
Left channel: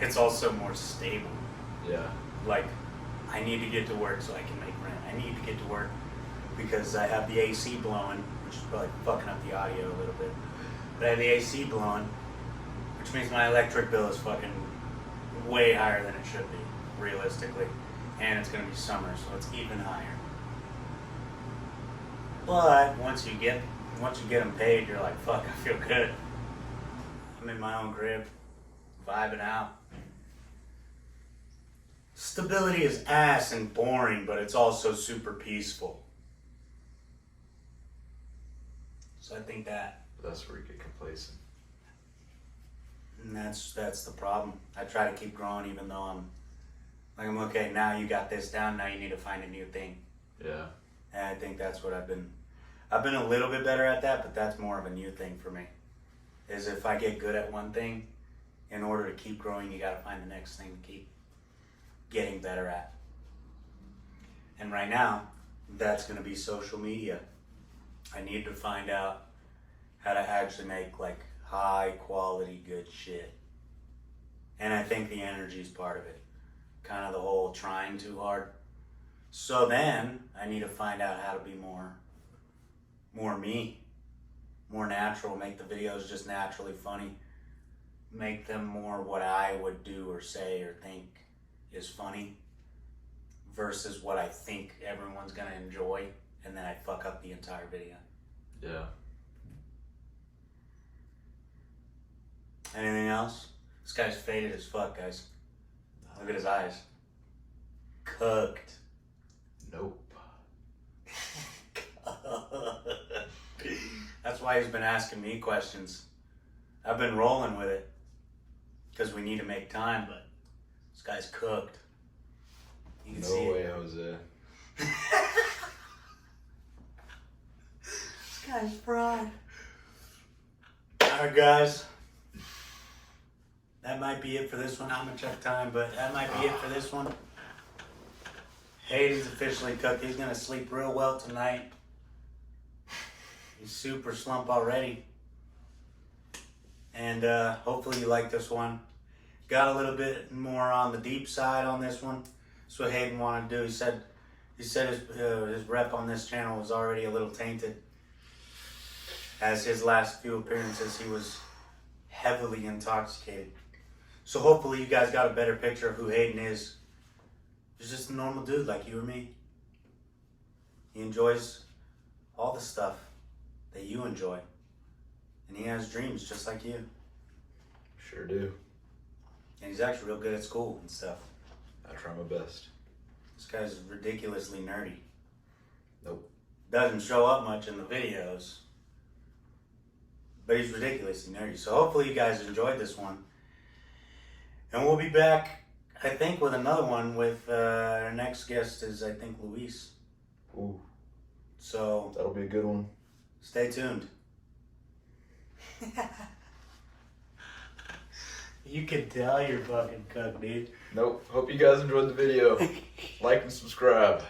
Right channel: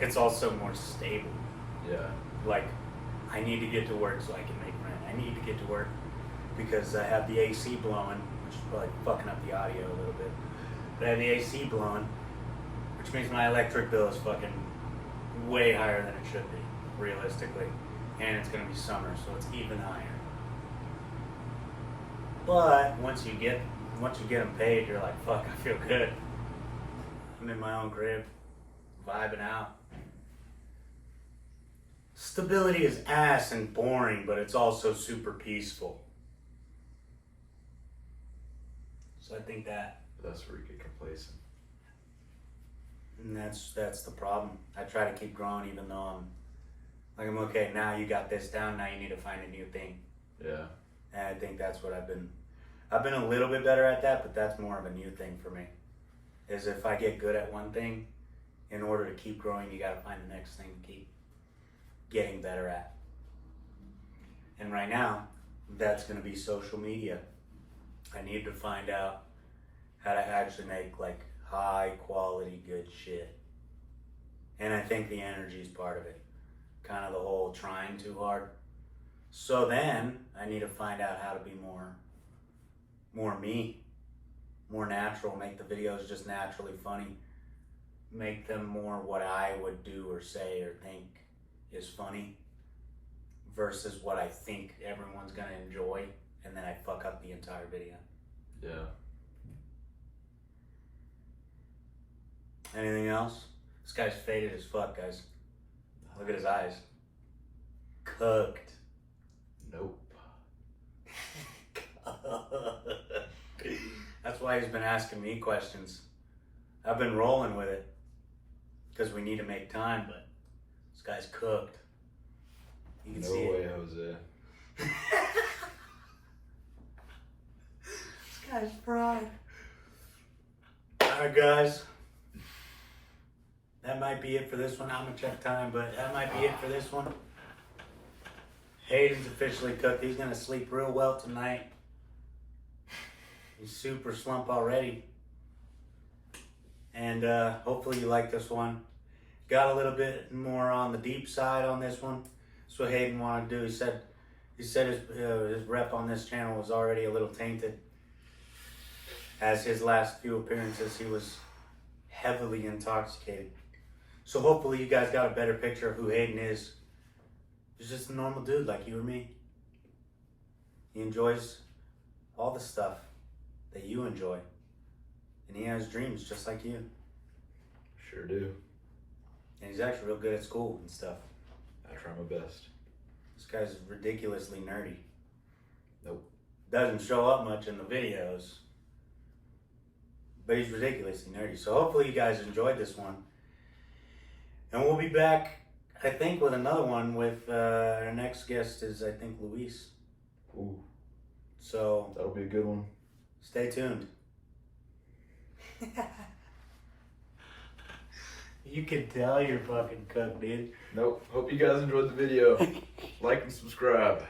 it's also more stable. Yeah. Like, I need to get to work so I can make rent. I need to get to work because I have the AC blowing, which is probably fucking up the audio a little bit. But I have the AC blowing, which means my electric bill is fucking way higher than it should be, realistically. And it's gonna be summer, so it's even higher. But once you get them paid, you're like, fuck, I feel good. I'm in my own crib, vibing out. Stability is ass and boring, but it's also super peaceful. So I think that. That's where you get complacent. And that's the problem. I try to keep growing even though I'm okay, now you got this down, now you need to find a new thing. Yeah. And I think that's what I've been a little bit better at that, but that's more of a new thing for me. Is if I get good at one thing, in order to keep growing, you gotta find the next thing to keep getting better at. And right now, that's gonna be social media. I need to find out how to actually make like high quality good shit. And I think the energy is part of it. Kind of the whole trying too hard. So then I need to find out how to be more me, more natural, make the videos just naturally funny, make them more what I would do or say or think is funny versus what I think everyone's gonna enjoy, and then I fuck up the entire video. Yeah. Anything else? This guy's faded as fuck, guys. Look at his eyes. Cooked. Nope. That's why he's been asking me questions. I've been rolling with it because we need to make time, but this guy's cooked. You can see No way, it. Jose. This guy's fried. Alright, guys. That might be it for this one. I'm gonna check time, but that might be it for this one. Hayden's officially cooked. He's gonna sleep real well tonight. He's super slump already. And hopefully you like this one. Got a little bit more on the deep side on this one. That's what Hayden wanted to do. He said his rep on this channel was already a little tainted. As his last few appearances, he was heavily intoxicated. So hopefully you guys got a better picture of who Hayden is. He's just a normal dude like you or me. He enjoys all the stuff that you enjoy. And he has dreams just like you. Sure do. And he's actually real good at school and stuff. I try my best. This guy's ridiculously nerdy. Nope. Doesn't show up much in the videos. But he's ridiculously nerdy. So hopefully you guys enjoyed this one. And we'll be back, I think, with another one with our next guest is, I think, Luis. Ooh. So That'll be a good one. stay tuned. You can tell you're fucking cooked, dude. Nope. Hope you guys enjoyed the video. Like and subscribe.